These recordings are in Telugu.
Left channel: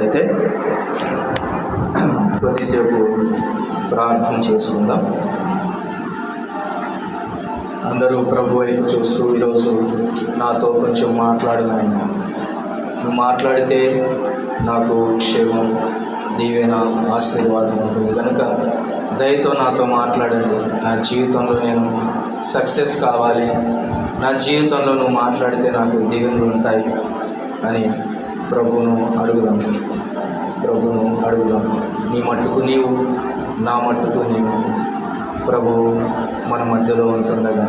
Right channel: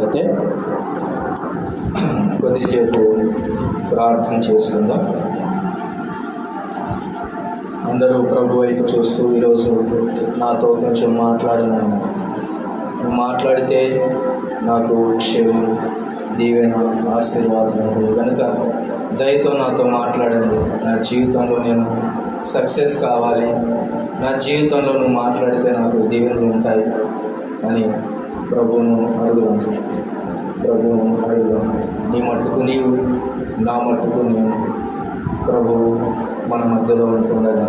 అయితే కొద్దిసేపు ప్రార్థన చేసుకుందాం. అందరూ ప్రభు వైపు చూస్తూ ఈరోజు నాతో కొంచెం మాట్లాడనైనా, నువ్వు మాట్లాడితే నాకు క్షేమం, దీవెన, ఆశీర్వాదం ఉంటుంది కనుక దయతో నాతో మాట్లాడండి. నా జీవితంలో నేను సక్సెస్ కావాలి, నా జీవితంలో నువ్వు మాట్లాడితే నాకు దీవెనలు ఉంటాయి అని ప్రభువును అడుగుదాం. నీ మట్టుకు నీవు, నా మట్టుకు నీవు. ప్రభు మన మధ్యలో ఉంటుండగా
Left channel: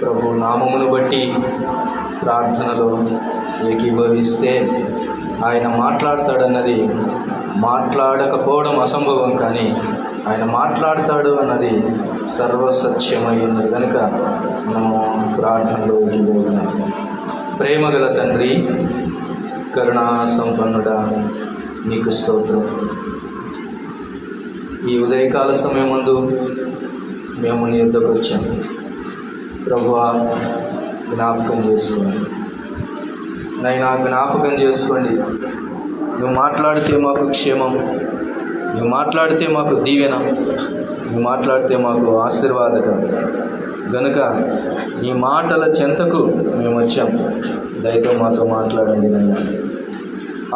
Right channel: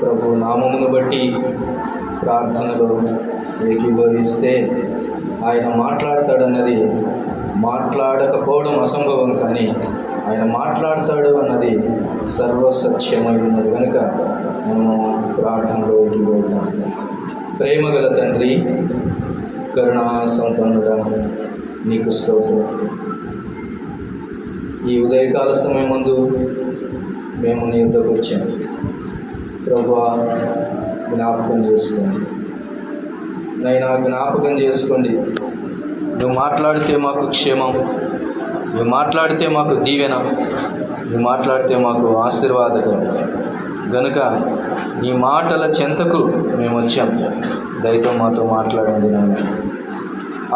ప్రభు నామమును బట్టి ప్రార్థనలో ఏకీభవిస్తే ఆయన మాట్లాడతాడన్నది మాట్లాడకపోవడం అసంభవం, కానీ ఆయన మాట్లాడతాడు అన్నది సర్వసత్యమై ఉన్నది కనుక మనము ప్రార్థనలో ఏకీభవిద్దాం. ప్రేమగల తండ్రి, కరుణా సంపన్నుడా, నీకు స్తోత్రం. ఈ ఉదయకాల సమయం ముందు మేము నీ యొద్దకు వచ్చాము. ప్రభువా, జ్ఞాపకం చేసుకోండి నైనా, జ్ఞాపకం చేసుకోండి. నువ్వు మాట్లాడితే మాకు క్షేమం, నువ్వు మాట్లాడితే మాకు దీవెన, నువ్వు మాట్లాడితే మాకు ఆశీర్వాదకరం గనుక నీ మాటల చెంతకు మేము వచ్చాం. దయతో మాతో మాట్లాడండి నాయన.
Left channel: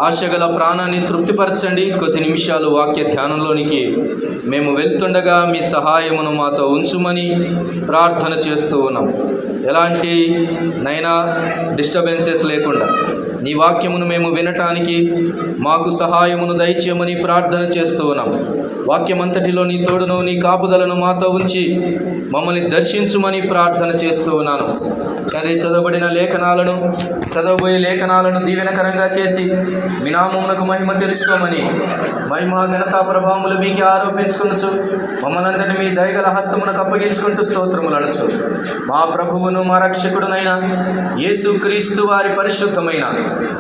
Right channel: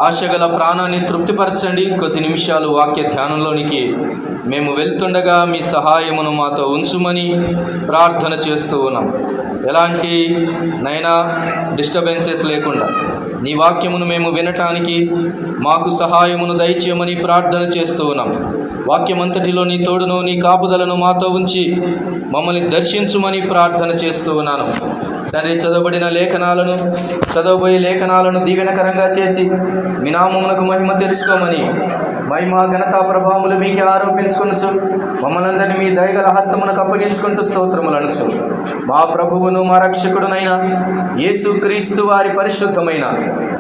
ఆశగల ప్రాణాన్ని తృప్తిపరచండి. కొద్ది నిమిషాలు వాక్య ధ్యానంలోనికి మేము వెళ్తుండగా మీ సహాయమును మాతో ఉంచుమని ప్రార్థన చేస్తూ ఉన్నాం. ఎలాంటి నైనా డిస్టర్బెన్సెస్ లేకుండా నీ వాక్యమును మేము వినటానికి మాకు సహాయమును దయచేయమని ప్రార్థన చేస్తూ ఉన్నాం. వాక్యమంతటిలో నీ తోడును, నీ కాపుదలను మాతో ఉంచి మమ్మల్ని దర్శించుమని ప్రార్థన చేస్తూ ఉన్నాను. తండ్రి, చదవబోయే లేఖనాలను దీవెనకరంగా చేసి మీ నామమునకు మహిమ తెలుసుకోమని, మహిమ ఘనతా ప్రభావములు మీకే ఆరోపించుకొనొచ్చు మమ్మల్ని అందరినీ మీ దయగల హస్తమునకు అప్పగించుకుంటూ స్తోత్రములు అనొచ్చు. మా ప్రభువును మా రక్షకుడునైన యేసుక్రీస్తు వారి పరిశుద్ధమైన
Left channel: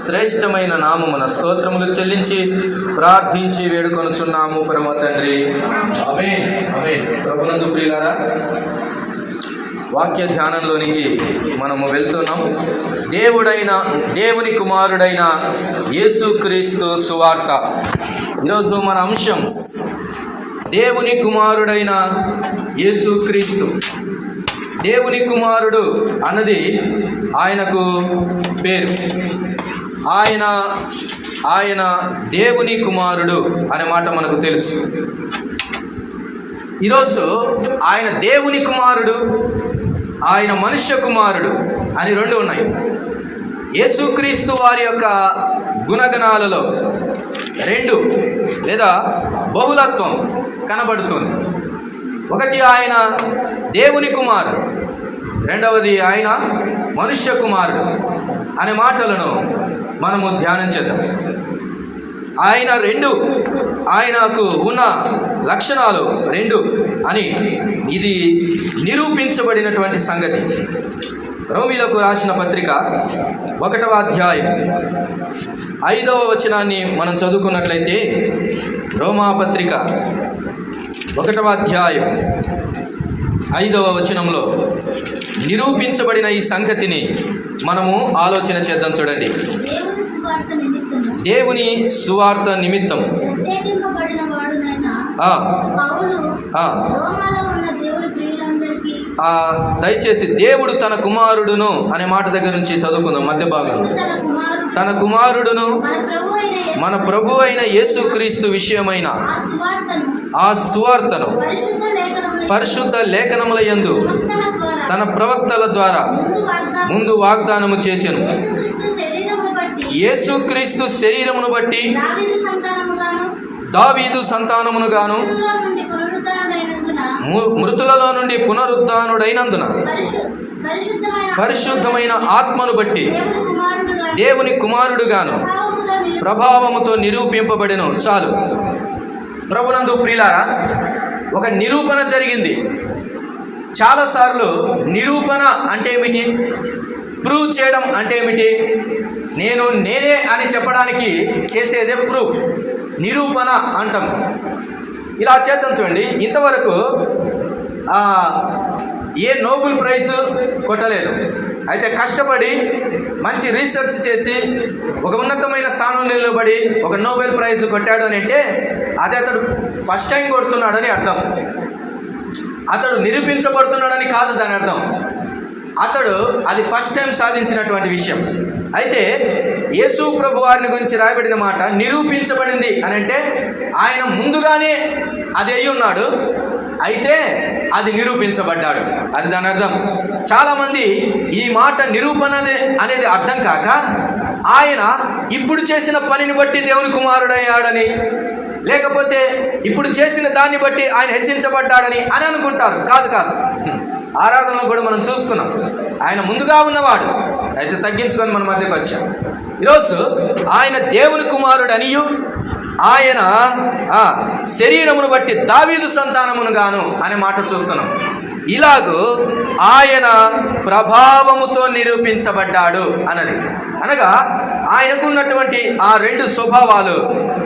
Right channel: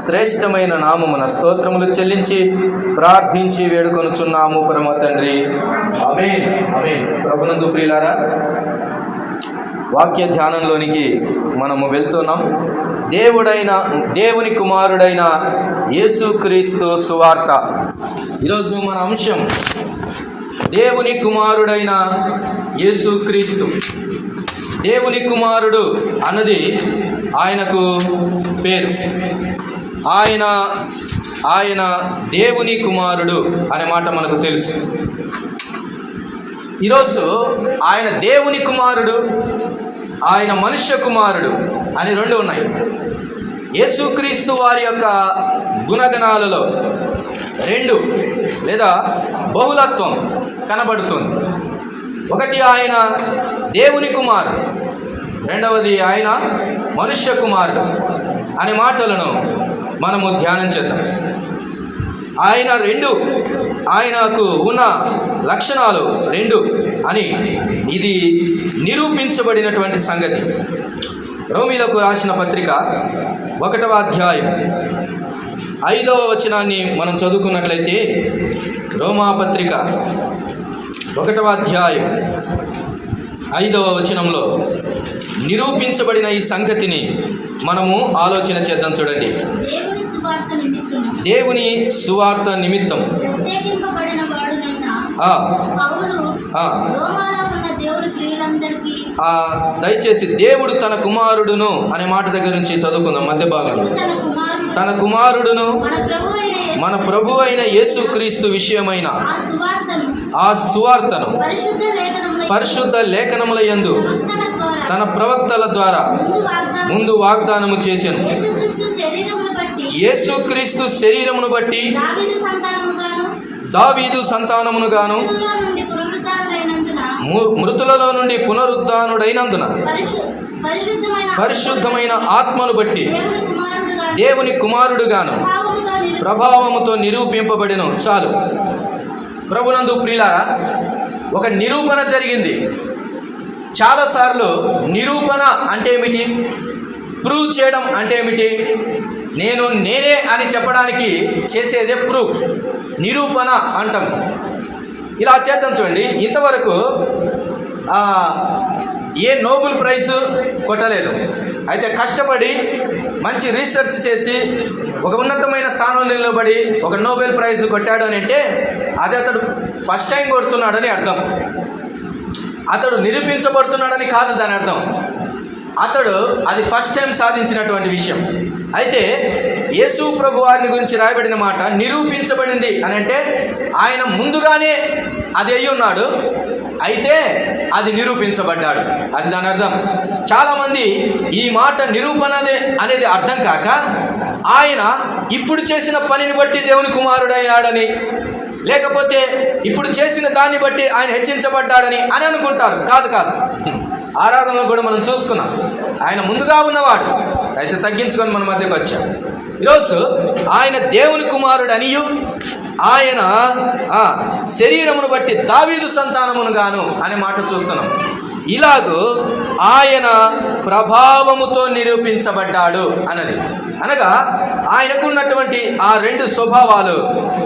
శ్రేష్టమైన నామమున స్తోత్రములు చెల్లించి ప్రార్థించి వేడుకొనుచున్నాము పరమ తండ్రి. ఆమేన్, ఆమేన్. ప్రభునందు ప్రియులారా, వాక్య ధ్యానంలోనికి మనము వెళ్తున్నాం. దేవుని కుమారుడైన యేసుక్రీస్తు సువార్త. ఈరోజు మన అంశం దేవుని కుమారుడైన యేసుక్రీస్తు. దేవుని కుమారుడు అన్నది ఆయనకు పేరు. ఆయన దేవుని కుమారుడు అనే మాట మనకు తెలుసు. ఈరోజు ఆయన దేవుని కుమారుడు, ఆయన మనుష్య కుమారుడు అని రెండు ఉన్నాయి. యేసుక్రీస్తు వారి యొక్క గుణగణాలలో రెండు లేదా బహుళత్వం కనబడుతుంది. ఒకటి ఆయన దేవుని కుమారుడు, రెండవది ఆయన మనుష్య కుమారుడు అనే మాటలను మనము ధ్యానం చేద్దాం. ఆయనకు ఉన్న లక్షణాలు రెండు అని ఇది నిరూపించబడినటువంటి సంగతి. రోమీలకు రాసిన పత్రిక 1వ అధ్యాయం 5వ వచనాన్ని మనం చదువుకున్నట్లయితే, రోమా పత్రిక 1వ అధ్యాయం 5వ వచనంలో నిరూపించబడిన ఈ సంగతిని మనము ఆలోచన చేద్దాం. చూడండి, దేవుని సువార్త నిమిత్తం దయచేసి దేవుడు తన కుమారుడును అనే మాట దగ్గర నుంచి చదువుకుందాం. మధ్య భాగంలో తన కుమారుడును మన ప్రభు అయిన యేసుక్రీస్తు విషయమైన ఆ సువార్తను పరిశుద్ధ లేఖనముల యందు తన ప్రవక్తల ద్వారా ముందు వాగ్దానము చేసెను. యేసుక్రీస్తు శరీరమును బట్టి దావీదు సంతానమును గాను మృతులలో నుండి పునరుద్ధానుడైనందున పరిశుద్ధమైన ఆత్మను బట్టి దేవుని కుమారుడుగాను ప్రభావముతో నిరూపింపబడెను. చాలు. ప్రభునందు ప్రియులారా, ఒక నిరూపణ జరిగింది. చాలాసార్లు నిరూపణ అంటే ఏమిటి, ప్రూవ్ చేయడం అంటే ఏమిటి, నేనే అని చెప్పడానికి చేసేదే ప్రూఫ్, నిరూపణ అంటాం. ఇలా చేద్దాం. చూడండి, ఇంతవరకు ఏ నోబెల్ ప్రైజ్ కొట్టలేదు. అయితే కష్టపడి మంచి రీసెర్చ్ చేసి ఒక ఉన్నతమైన స్థానంలో నిలబడి ఒక నోబెల్ ప్రైజ్ కొట్టాడు అని అంటే అది అతడు ఫస్ట్ టైం కొడుతున్నాడని అర్థం. అతడు నిరూపించబడుతున్నాడని కాదు దాని అర్థం. అతడు అది ఫస్ట్ టైం సాధించినటువంటి విషయం. అయితే యేసు ప్రభు వారిని గురించి రాయబడిన మాట నిరూపించబడింది అని అంటే ఆయన ముందుగానే అది అయి ఉన్నాడు, అయితే అది నిరూపించబడ్డాడు, అది దాని అర్థం. చాలామంది ఈ మాట నిరూపణ అనేది అర్థం కాక ఆయన ఇప్పుడు చేసిన పనిని బట్టి దేవుని కుమారుడయ్యాడని, లేకపోతే ఇప్పుడు చేసిన దాన్ని బట్టి ఆయన హెచ్చించబడ్డాడని అని అనుకుంటారు. కాదు కాదు, ఆరాధనలో కూడా మనం చూసుకున్నాం ఆయన ముందుగా ఉన్నవాడు, అయితే తగ్గించుకొని మన మధ్యకు వచ్చాం. ఈరోజు ఆయన దేవుని కుమారుడు అనియు ఆయన శరీరమును బట్టి దావీదు సంతానమును గాను అనే మాట చూస్తున్నాం. ఇలాగూ ఆయన ప్రభావముతో నిరూపించబడ్డాడు అన్నది అనగా ఆయనకున్నటువంటి ఆ రెండు స్వభావాలు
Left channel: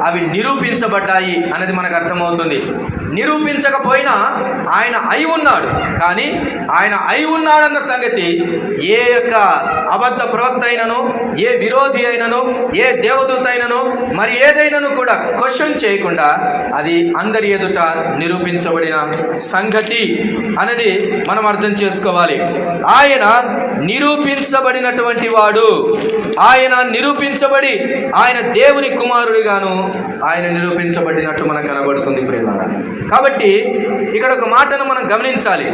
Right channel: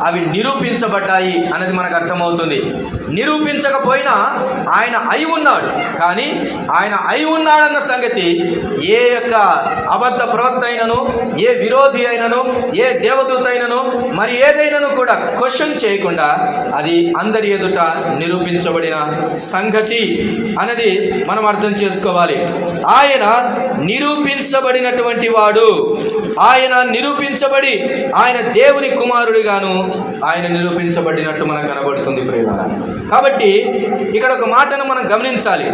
అవి నిరూపించబడ్డాయి అన్నది మనకు అర్థమవుతుంది. నిరూపించకపోయినా ఆయన అయి ఉన్నాడు, కానీ ఆయన అయి ఉన్నాడన్న సంగతి ఏ యొక్క అబద్ధ ప్రవక్త అయినను, ఏ విరోధి అయినను, ఏ దేవదూత అయినను, మరి ఏదైనాను కూడా క్వశ్చన్ చేయకుండా అది అందరి ఎదుట నిరూపించబడిన సంగతి అనేది మనం అర్థం చేసుకోవాలి. ఆయన నిరూపించబడినటువంటి వాడు, ఆయన నిరూపించబడి ఆయన దేవుని కుమారుడిగాను ఆయన నిరూపించబడినట్టు మనకు కనబడుతుంది ప్రియులారా. కాబట్టి ఇక్కడ ఒక మాటను మనం గమనించాలి.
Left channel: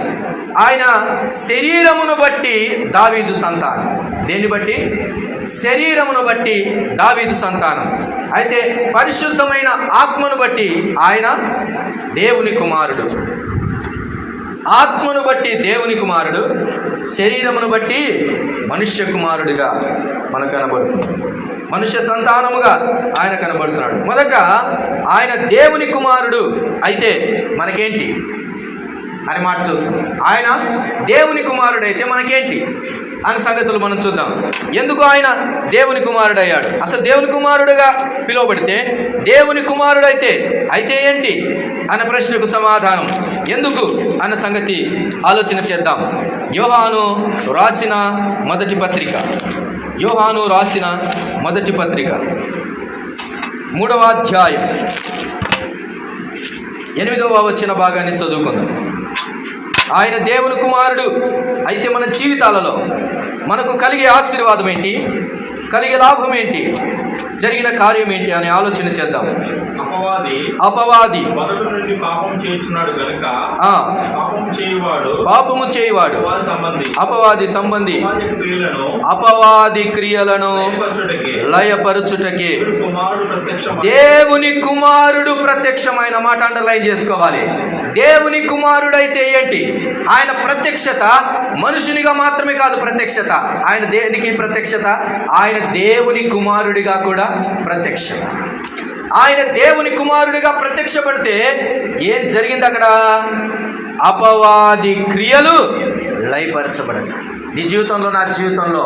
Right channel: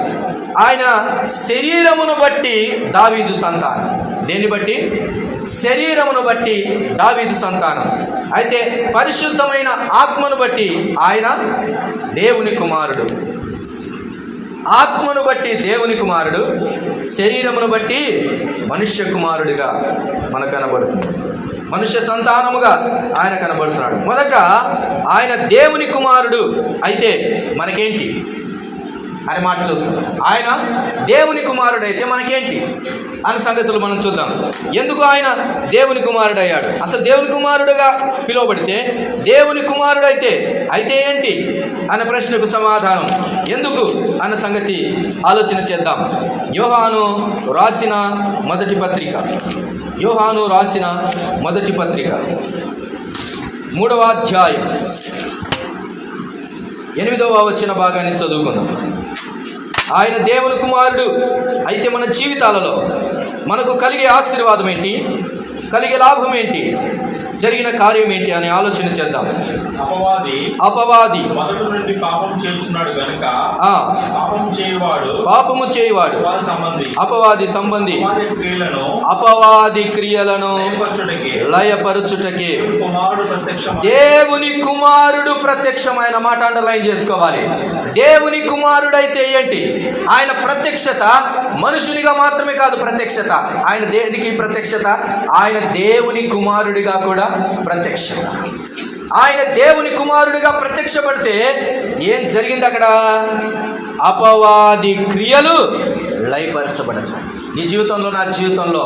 ఆయన శరీరమును బట్టి దావీదు సంతానం. దేన్ని బట్టి? శరీరమును బట్టి దావీదు సంతానం. అయితే పరిశుద్ధమైన ఆత్మను బట్టి ఆయన దేవుని కుమారుడు. ఆత్మను బట్టి దేవుని కుమారుడు, శరీరమును బట్టి మనుష్య కుమారుడిగా మనకు కనబడుతుంది, మనుష్య సంతానముగా ఆయన కనబడుతున్నాడు. మొదట ఆయన దేవుని కుమారుడు అయితే మనకేంటి అని మాట చూస్తాం. ఆయన దేవుని కుమారుడు అయితే మనకేంటి అనే సంగతులు మనం చూద్దాం. ఎందుకు ఆయన దేవుని కుమారుడు అయ్యాడు? అసలు దేవుని కుమారుడుగా పిలువబడితే దేవుని కుమారుడు అయితే ఏంటి అన్న ప్రశ్నకు సమాధానం ఎందుకు అన్న సంగతి ఆలోచన చేద్దాం. యోహాను రాసిన మొదటి పత్రిక, యోహాను రాసిన మొదటి పత్రిక 3వ అధ్యాయం 8వ వచన భాగాన్ని చదువుకుందాం. ఆయన దేవుని కుమారుడు అయితే మన జీవితాలలో మనకు కలిగే ఆశీర్వాదం ఏంటి, కలిగే లాభం ఏంటి, జరిగిన కార్యం ఏంటి అని ఆలోచన చేద్దాం. అపవాది మొదటి నుండి పాపం చేస్తున్నాడు గనుక పాపము చేయువాడు అపవాది సంబంధి అపవాది క్రియలను లయపరచుటకి దేవుని కుమారుడు ప్రత్యక్షమైన మాట అండర్లైన్ చేసుకోవాలి. దేవుని కుమారుడైతే ఏంటి? ఆయన ప్రత్యక్షత మనుషునిగా మాత్రమే కాదు ప్రత్యక్షత. ఆయన దేనికి ప్రత్యక్షత? ఆయన దేవుని కుమారుడిగా కూడా ప్రత్యక్షత. ఆయన దేవుని కుమారుడిగా ప్రత్యక్షపడితే ఏం జరిగింది అక్కడ? అపవాది క్రియలు లయపరచబడతాయి. నీ జీవితంలో, నా జీవితంలో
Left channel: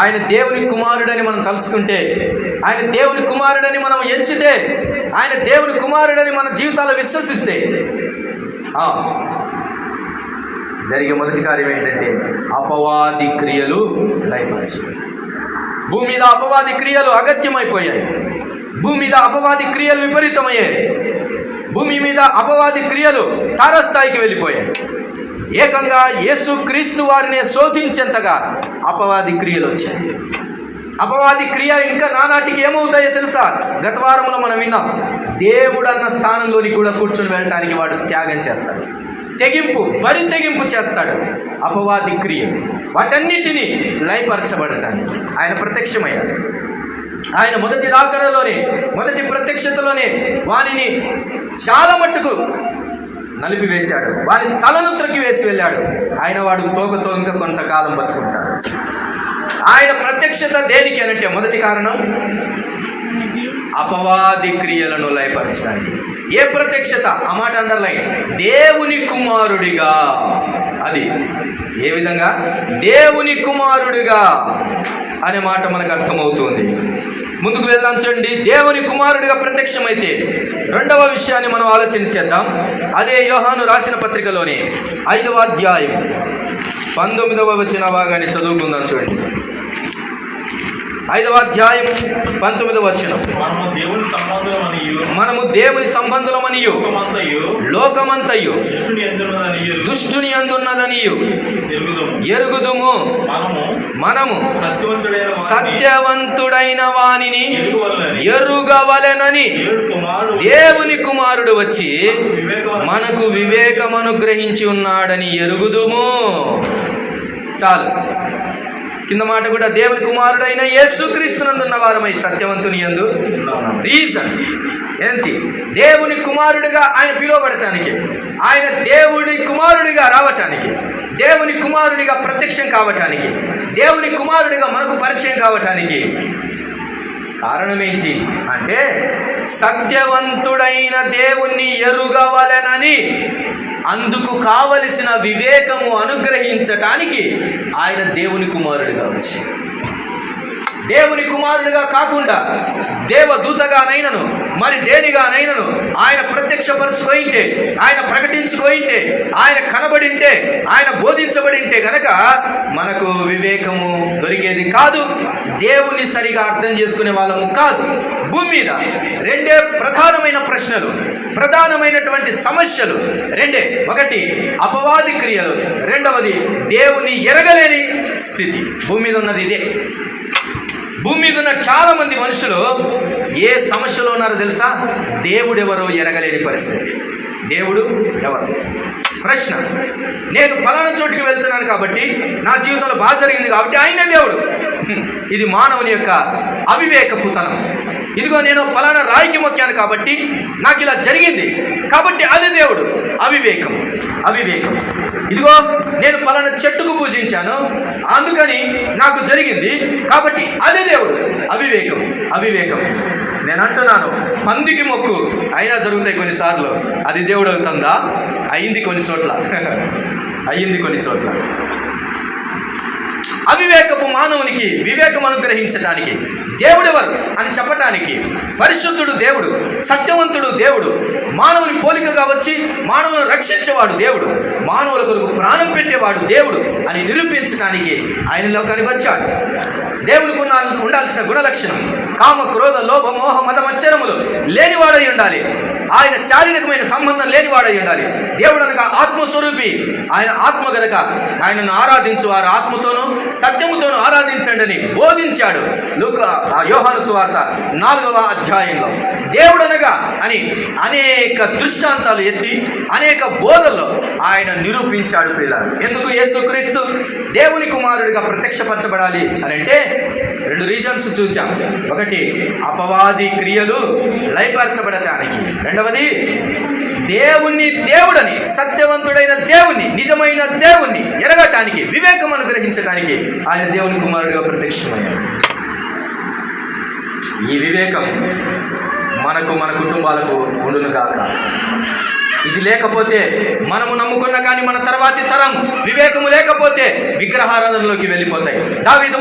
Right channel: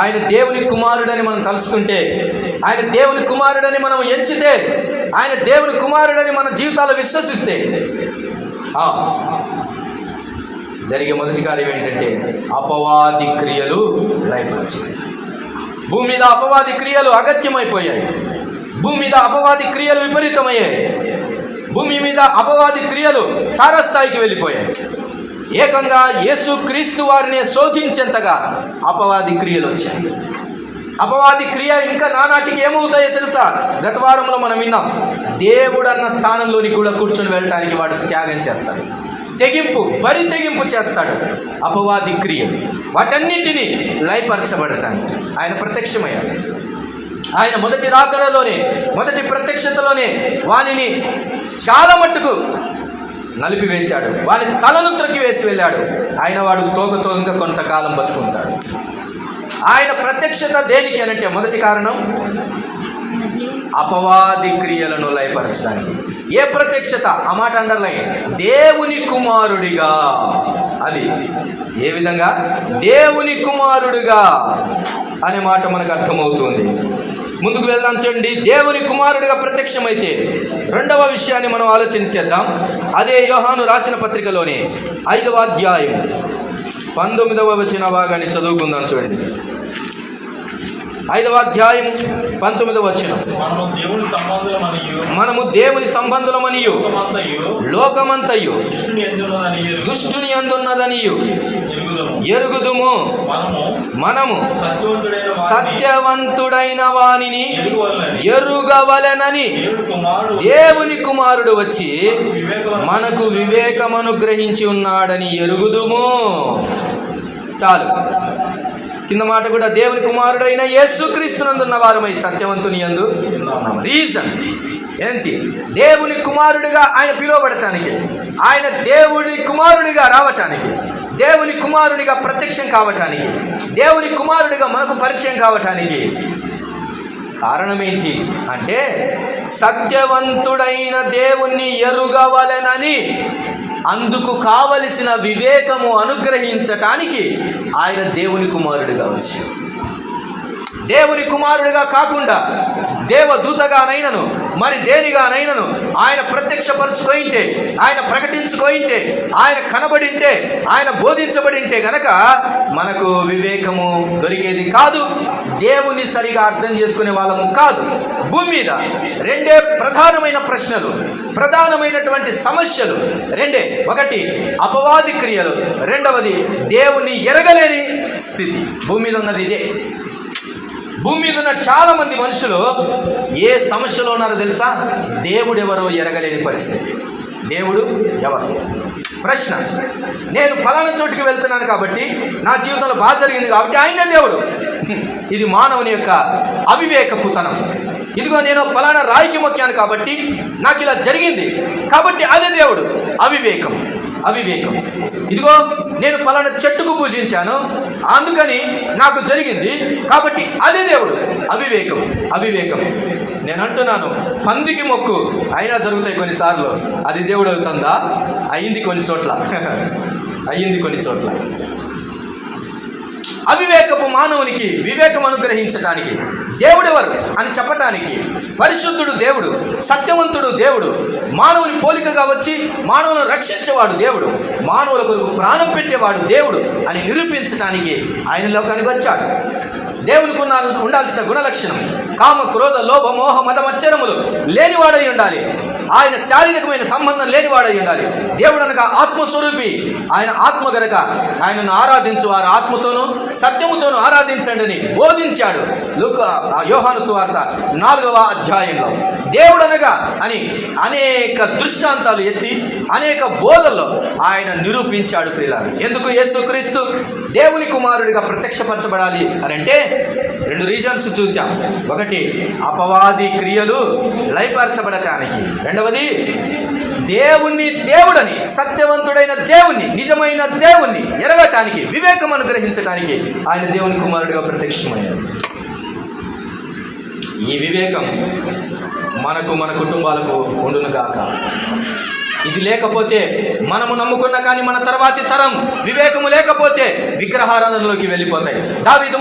ఆయన దేవుని కుమారుడని మనం తలుసుకుంటే, ఆయన దేవుని కుమారుడని మనం ఎంచితే, ఆయన దేవుని కుమారుడని మన జీవితాల్లో విశ్వసిస్తే జరిగే మొదటి కార్యం ఏంటంటే అపవాది క్రియలు లయపరచాయి. భూమి మీద అపవాది క్రియలు అగత్యమైపోయాయి. భూమి మీద అపవాది క్రియలు విపరీతమయ్యాయి. భూమి మీద అపవాది క్రియలు తారస్థాయికి వెళ్ళిపోయాయి. ఏకంగా యేసుక్రీస్తు వారిని శోధించేంతగా అపవాది క్రియలు వచ్చాయి. అపవాది క్రియ ఇంకా నానాటికి ఏమవుతాయో తెలుసా? గత వారంలో మనం విన్నాం. దేవుడు అన్న స్థానంలోని కూడా కూర్చొని వెళ్ళటానికి వాడు త్యాగం చేస్తాడు, బరి తెగింపు చేస్తాడు. అపవాది క్రియలు వాటన్నిటినీ లయపరచబడతాను ఆయన ప్రత్యక్షమయ్యాడు. ఆయన మొదటి రాకడలోనే, మొదటి ప్రత్యక్షతలోనే వానిని చాలా మట్టుకు నలిపివేశాడు, వాని తలను త్రొక్కి వేసి వెళ్ళాడు. ఆయన వాడు తోకతో ఇంకా కొంతకాలం బతుకుంటాడు. ఆయన ప్రత్యక్షత దేనికి అనంటే మొదటి కారణం అపవాది క్రియలను లయపరచడానికి. ఏ ప్రత్యక్షత? ఆ మాట అండర్లైన్. దేవుని కుమారుడిగా. అది ఏ విధంగా? దేవుని కుమారుడిగా అనే మాట మనకు అర్థమవుతుంది. ముందుకు వెళ్దాం చూడండి. దేవుని కుమారుడిగా ప్రత్యక్షమైతే రెండవ విషయాన్ని మనం ఆలోచన చేద్దాం. అదే యోహాను రాసిన పత్రికలోని 5వ అధ్యాయం 19వ వచన భాగాన్ని చదువుకుందాం చూడండి. 5వ అధ్యాయం 19వ వచనం. మనము దేవుని సంబంధులమనియు లోకమంతయు దుష్టుని అందున్నదనియు ఎరుగుదుము. మనము సత్యవంతుడైన వానిని ఎరుగవలెనని దేవుని కుమారుడు వచ్చి మనకు వివేకమనుగ్రహించి ఉన్నాడని ఎరుగుదుము. చాలు. కింద మాట కూడా దేవుని కుమారుడైన యేసుక్రీస్తునందున్న వారమై సత్యవంతుని యందు రీజన్ ఏంటి? దేవుని కుమారుడిగా ఆయన పిలువబడటానికి, ఆయన దేవుని కుమారుడిగా రావటానికి, దేవుని కుమారుడిగా ప్రత్యక్షం కావటానికి, దేవుని కుమారుడిగా మనకు పరిచయం కావటానికి కారణం ఏంటి అంటే సత్యవంతుడైన దేవుణ్ణి ఎరుగవలెనని, అందుకు కావలసిన వివేకము అనుగ్రహించటానికి ఆయన దేవుని కుమారుడిగా వచ్చి, దేవుని కుమారుడిగా కాకుండా దేవదూతగానైనను మరి దేనిగానైనను ఆయన ప్రత్యక్షపరచుకోయింటే, ఆయన ప్రకటించుకోయింటే, ఆయన కనబడింటే, ఆయన బోధించబడింటే గనక మనకు వివేకము దొరికేది కాదు, దేవుని సరిగా అర్థం చేసుకునే వాళ్ళము కాదు. భూమి మీద రెండే ప్రధానమైన ప్రశ్నలు, ప్రధానమైనటువంటి సమస్యలు రెండే. ఒకటి అపవాది క్రియలు, రెండవది దేవుని ఎరగలేని స్థితి. భూమి మీద ఉన్నది ఇదే. భూమి మీద ఉన్న చాలా మంది మనుషులు ఏ సమస్యలో ఉన్నారో తెలుసా? దేవుడు ఎవరో ఎరగలేని పరిస్థితి. దేవుడు ఎవరు? ప్రశ్న. నేను పలానా చోటుకి వెళ్తున్నాను కాబట్టి నా జీవితంలో బాగా జరిగింది కాబట్టి ఆయనే దేవుడు. ఇది మానవుని యొక్క అవివేకపుతనం. ఇదిగో నేను పలానా రాయికి మొక్కాను కాబట్టి నాకు ఇలా జరిగింది కాబట్టి అదే దేవుడు. అవివేకం. అవివేకం. ఇదిగో నేను పలానా చెట్టుకు పూజించాను అందుకని నాకు జరిగింది కాబట్టి అదే దేవుడు. అవివేకం. అవివేకం. నేను అంటున్నాను, పందికి మొక్కు అయినా జరుగుతాయి కొన్నిసార్లు, అది దేవుడు అవుతుందా? అయ్యింది కొన్ని చోట్ల. అయ్యింది కొన్ని చోట్ల. అవివేకపు మానవునికి వివేకం అనుగ్రహించటానికి, దేవుడెవరు అని చెప్పటానికి, పరిశుద్ధుడు దేవుడు, సత్యవంతుడు దేవుడు, మానవుని పోలికగా వచ్చి మానవులను రక్షించేవాడు దేవుడు, మానవుల కొరకు ప్రాణం పెట్టేవాడు దేవుడు అని నిరూపించడానికి ఆయన లోకానికి వచ్చాడు. దేవునికి ఉండాల్సిన గుణలక్షణం కామ క్రోధ లోభ మోహ మద మచ్చరములు లేనివాడై ఉండాలి. ఆయన శారీరకమైన సంబంధం లేనివాడై ఉండాలి. దేవుడు అనగా ఆత్మస్వరూపి. ఆయన ఆత్మ గనక ఆయనను ఆరాధించు వారు ఆత్మతోనూ సత్యముతోనూ ఆరాధించండి అని బోధించాడు యోహాను సువార్త 4వ అధ్యాయంలో. దేవుడు అనగా అని అనేక దృష్టాంతాలు ఎత్తి అనేక బోధల్లో ఆయన నిరూపించాడు. ప్రియులారా, ఎందుకు యేసుక్రీస్తు దేవుని కుమారుడిగా ప్రత్యక్షపరచబడాలి అని అంటే 2 రీజన్స్ చూసాం. ఒకటి అపవాది క్రియలు లయపరచబడటానికి, రెండవది దేవుడని సత్యవంతుడైన దేవుణ్ణి, నిజమైన దేవుణ్ణి ఎరగటానికి, వివేకం అనుగ్రహించడానికి ఆయన దేవుని కుమారుడిగా ప్రత్యక్షమయ్యాడు. ఈ వివేకం మనకు మన కుటుంబాలకు ఉండును గాక. ఇది లేకపోతే మనము నమ్ముకున్న కానీ మన తర్వాతి తరం వివేకము లేకపోతే విగ్రహారాధనలోకి వెళ్ళిపోతాయి. దావీదు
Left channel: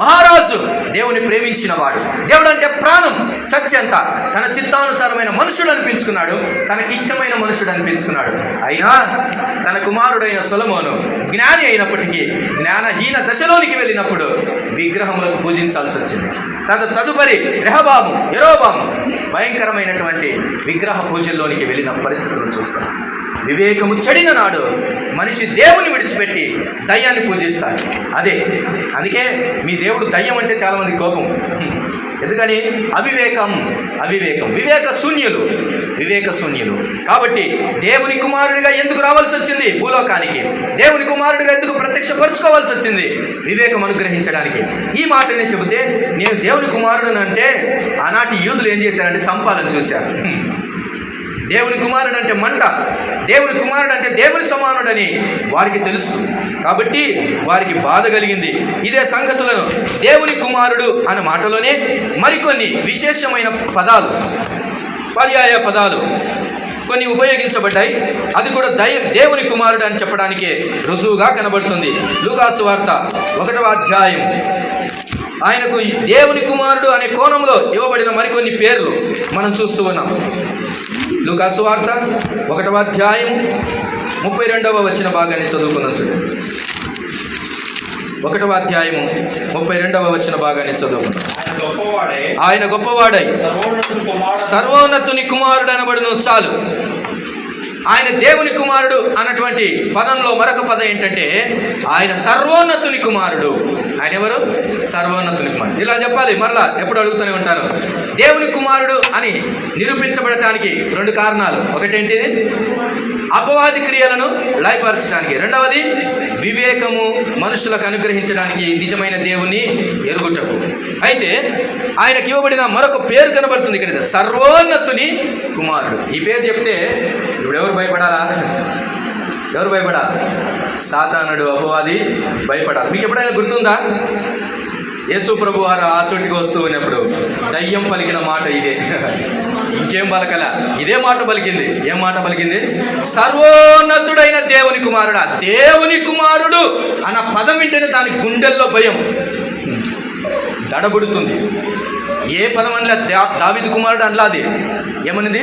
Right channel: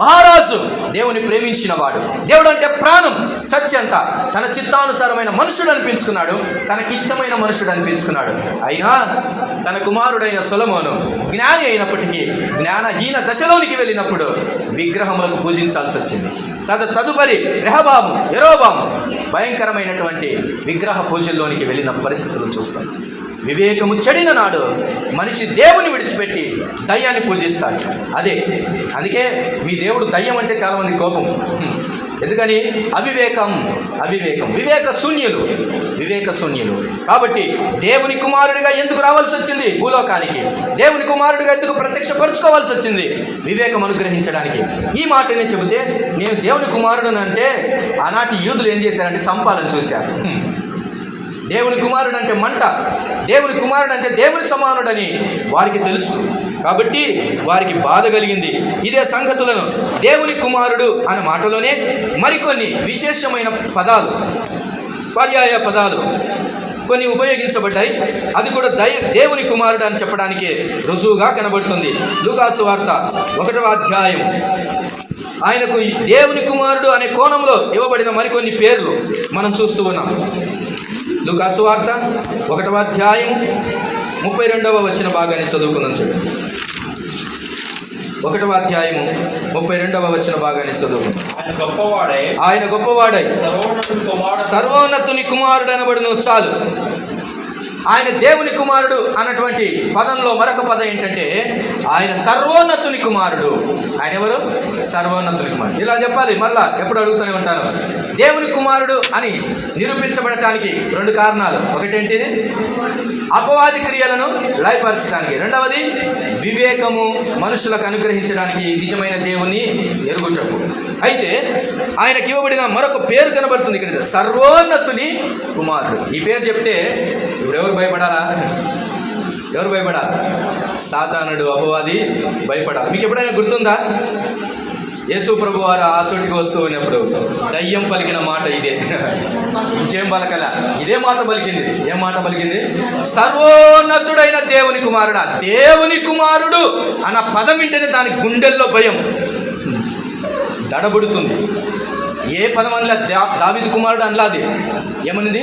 మహారాజు దేవుని ప్రేమించిన వాడు. దేవుడు అంటే ప్రాణం, చచ్చేంత తన చిత్తానుసారమైన మనుషుడు అనిపించుకున్నాడు, తనకిష్టమైన మనుషుడు అనిపించుకున్నాడు. అయినా తన కుమారుడైన సొలొమోను జ్ఞాని అయినప్పటికీ జ్ఞానహీన దశలోనికి వెళ్ళినప్పుడు విగ్రహములకు పూజించాల్సి వచ్చింది. తదుపరి యెరోబాము భయంకరమైనటువంటి విగ్రహ పూజల్లోనికి వెళ్ళిన పరిస్థితులను చూస్తాం. వివేకము చెడిన నాడు మనిషి దేవుని విడిచిపెట్టి దయ్యాన్ని పూజిస్తాడు. అందుకే మీ దేవుడు దయ్యం అంటే చాలామంది కోపం. ఎందుకని? అవివేకం. వివేక శూన్యులు. కాబట్టి దేవుని కుమారుడిగా ఎందుకు రావాల్సి వచ్చింది భూలోకానికి? దేవుని కుమారుడిగా ఎందుకు ప్రత్యక్షపరచుకోవాల్సి వచ్చింది? వివేకం అనుగ్రహించడానికి. ఈ మాటనే చెబితే నేను దేవుని కుమారుడు అంటే ఆనాటి యూదులు ఏం చేశారంటే చంపాలని చూశారు. దేవుని కుమారుడు అంటే మంట, దేవుని కుమారుడు అంటే దేవుని సమానుడని వారికి తెలుసు. కాబట్టి వారికి బాధ కలిగింది. ఇదే సంగతులను దేవుని కుమారుడు అన్న మాటలోనే మరికొన్ని విశేషమైన పదాలు, పర్యాయ పదాలు కొన్ని ఉపయోగించబడ్డాయి. అది కూడా దేవుని కుమారుడు అని చెప్పడానికి రుజువుగా కనబడుతుంది. లూకాసు వార్త 1వ అధ్యాయం ఆయనకు దేవుని కుమారుడు అనే కోణంలో ఇవ్వబడిన మరికొన్ని పేర్లు మనం చూస్తూ ఉన్నాం. లూకాసు వార్త 1వ అధ్యాయం 32వ వచన భాగాన్ని చదువుకుందాం. చూడండి. 1వ అధ్యాయము 32వ వచన భాగాన్ని చదువుకుందాం. ఆయన గొప్పవాడై ఆయన సర్వోన్నతుని కుమారుడు అనబడును. చాలు. ఆయన దేవుని కుమారుడు అన్నటువంటి పదంలో మరొక పదం ఏంటంటే ఆయన సర్వోన్నతుని కుమారుడు. ఆయన ఎవరు? సర్వోన్నతుని కుమారుడు. ఇలా చెప్పాలి. మరలా ఎప్పుడు అడుగుతూనే ఉంటాను. దేవుని కుమారుడు అని నిరూపించబడటానికి 2 కారణాలు. ఒకటేంటిది? అపవాది క్రియలను లయపరచడానికి. రెండవది వివేకము మనుషులకు అనుగ్రహించడానికి, నిజమైన దేవుని ఎరుగుటకు. అయితే ఆయనకి ఇవ్వబడిన మరొక పేరు కనబడుతుంది ఇక్కడ, సర్వోన్నతుని కుమారుడు. ఈ పేరు చెప్తే ఇప్పుడు ఎవరు భయపడాలా? ఎవరు భయపడాలి? సాతానుడు, అపవాది భయపడాలి. మీకు ఎప్పుడైనా గుర్తుందా? యేసు ప్రభు వారు ఆ చోటికి వస్తూ ఉన్నప్పుడు దయ్యం పలికిన మాట ఇదే. ఇంకేం పలకల, ఇదే మాట పలికింది. ఏం మాట పలికింది? సర్వోన్నతుడైన దేవుని కుమారుడా. దేవుని కుమారుడు అన్న పదం వింటేనే దాని గుండెల్లో భయం దడబుడుతుంది. ఏ పదం అనలే, దావీదు కుమారుడు అనలాది. ఏమనింది?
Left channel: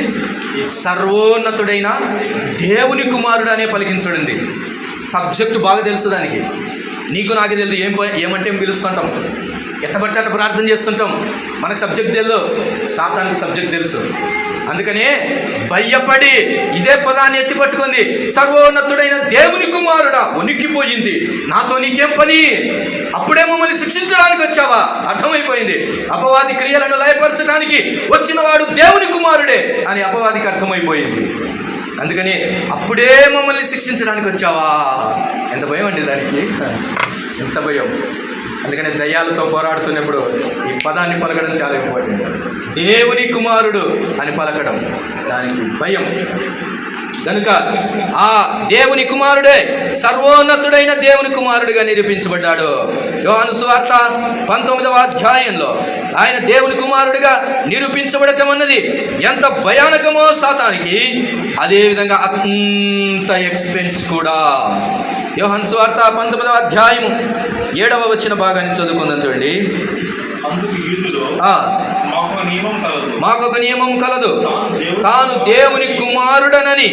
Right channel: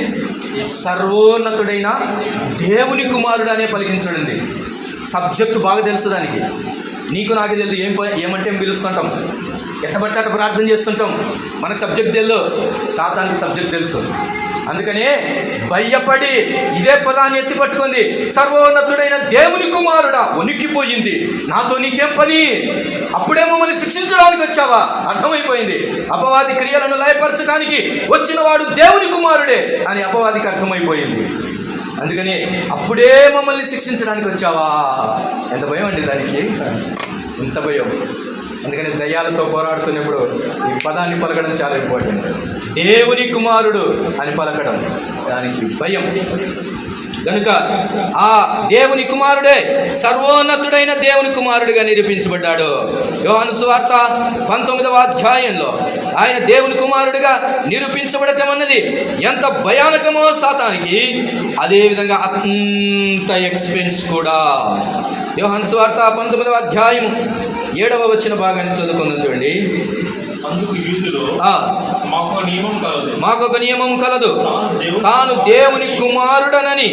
సర్వోన్నతుడైన దేవుని కుమారుడు అనే పలికించడింది. సబ్జెక్టు బాగా తెలుసు దానికి. నీకు నాకు తెలియదు ఏమంటే పిలుస్తుంటాం, ఎట్టబడితే అట్ట ప్రార్థన చేస్తుంటాం. మనకు సబ్జెక్ట్ తెలియదు, సాతానికి సబ్జెక్ట్ తెలుసు. అందుకనే భయపడి ఇదే పదాన్ని ఎత్తి పట్టుకుంది. సర్వోన్నతుడైన దేవుని కుమారుడా. వణికిపోయింది. నాతో నీకేం పని? అప్పుడే మమ్మల్ని శిక్షించడానికి వచ్చావా? అర్థమైపోయింది. అపవాది క్రియలను లయపరచడానికి వచ్చిన వాడు దేవుని కుమారుడే అని అపవాదికి అర్థమైపోయింది. అందుకని అప్పుడే మమ్మల్ని శిక్షించడానికి వచ్చావా? ఎంత భయం అండి దానికి, ఎంత భయం. అందుకని దయ్యాలతో పోరాడుతున్నప్పుడు ఈ పదాన్ని పలకడం చాలా ఇంపార్టెంట్. దేవుని కుమారుడు అని పలకడం, దానికి భయం. కనుక ఆ దేవుని కుమారుడే సర్వోన్నతుడైన దేవుని కుమారుడిగా నిరూపించబడ్డాడు. యోహాను సువార్త 19వ అధ్యాయంలో ఆయన దేవుని కుమారుడిగా నిరూపించబడటం అన్నది ఎంత భయానకమో సాతానికి, అదేవిధంగా అంత ఎక్స్పెన్స్ కూడా. యోహాను సువార్త 19వ అధ్యాయము 7వ వచన భాగాన్ని చదువుకుందాం. చూడండి. మాకు ఒక నియమం కలదు, తాను దేవుని కుమారుడనని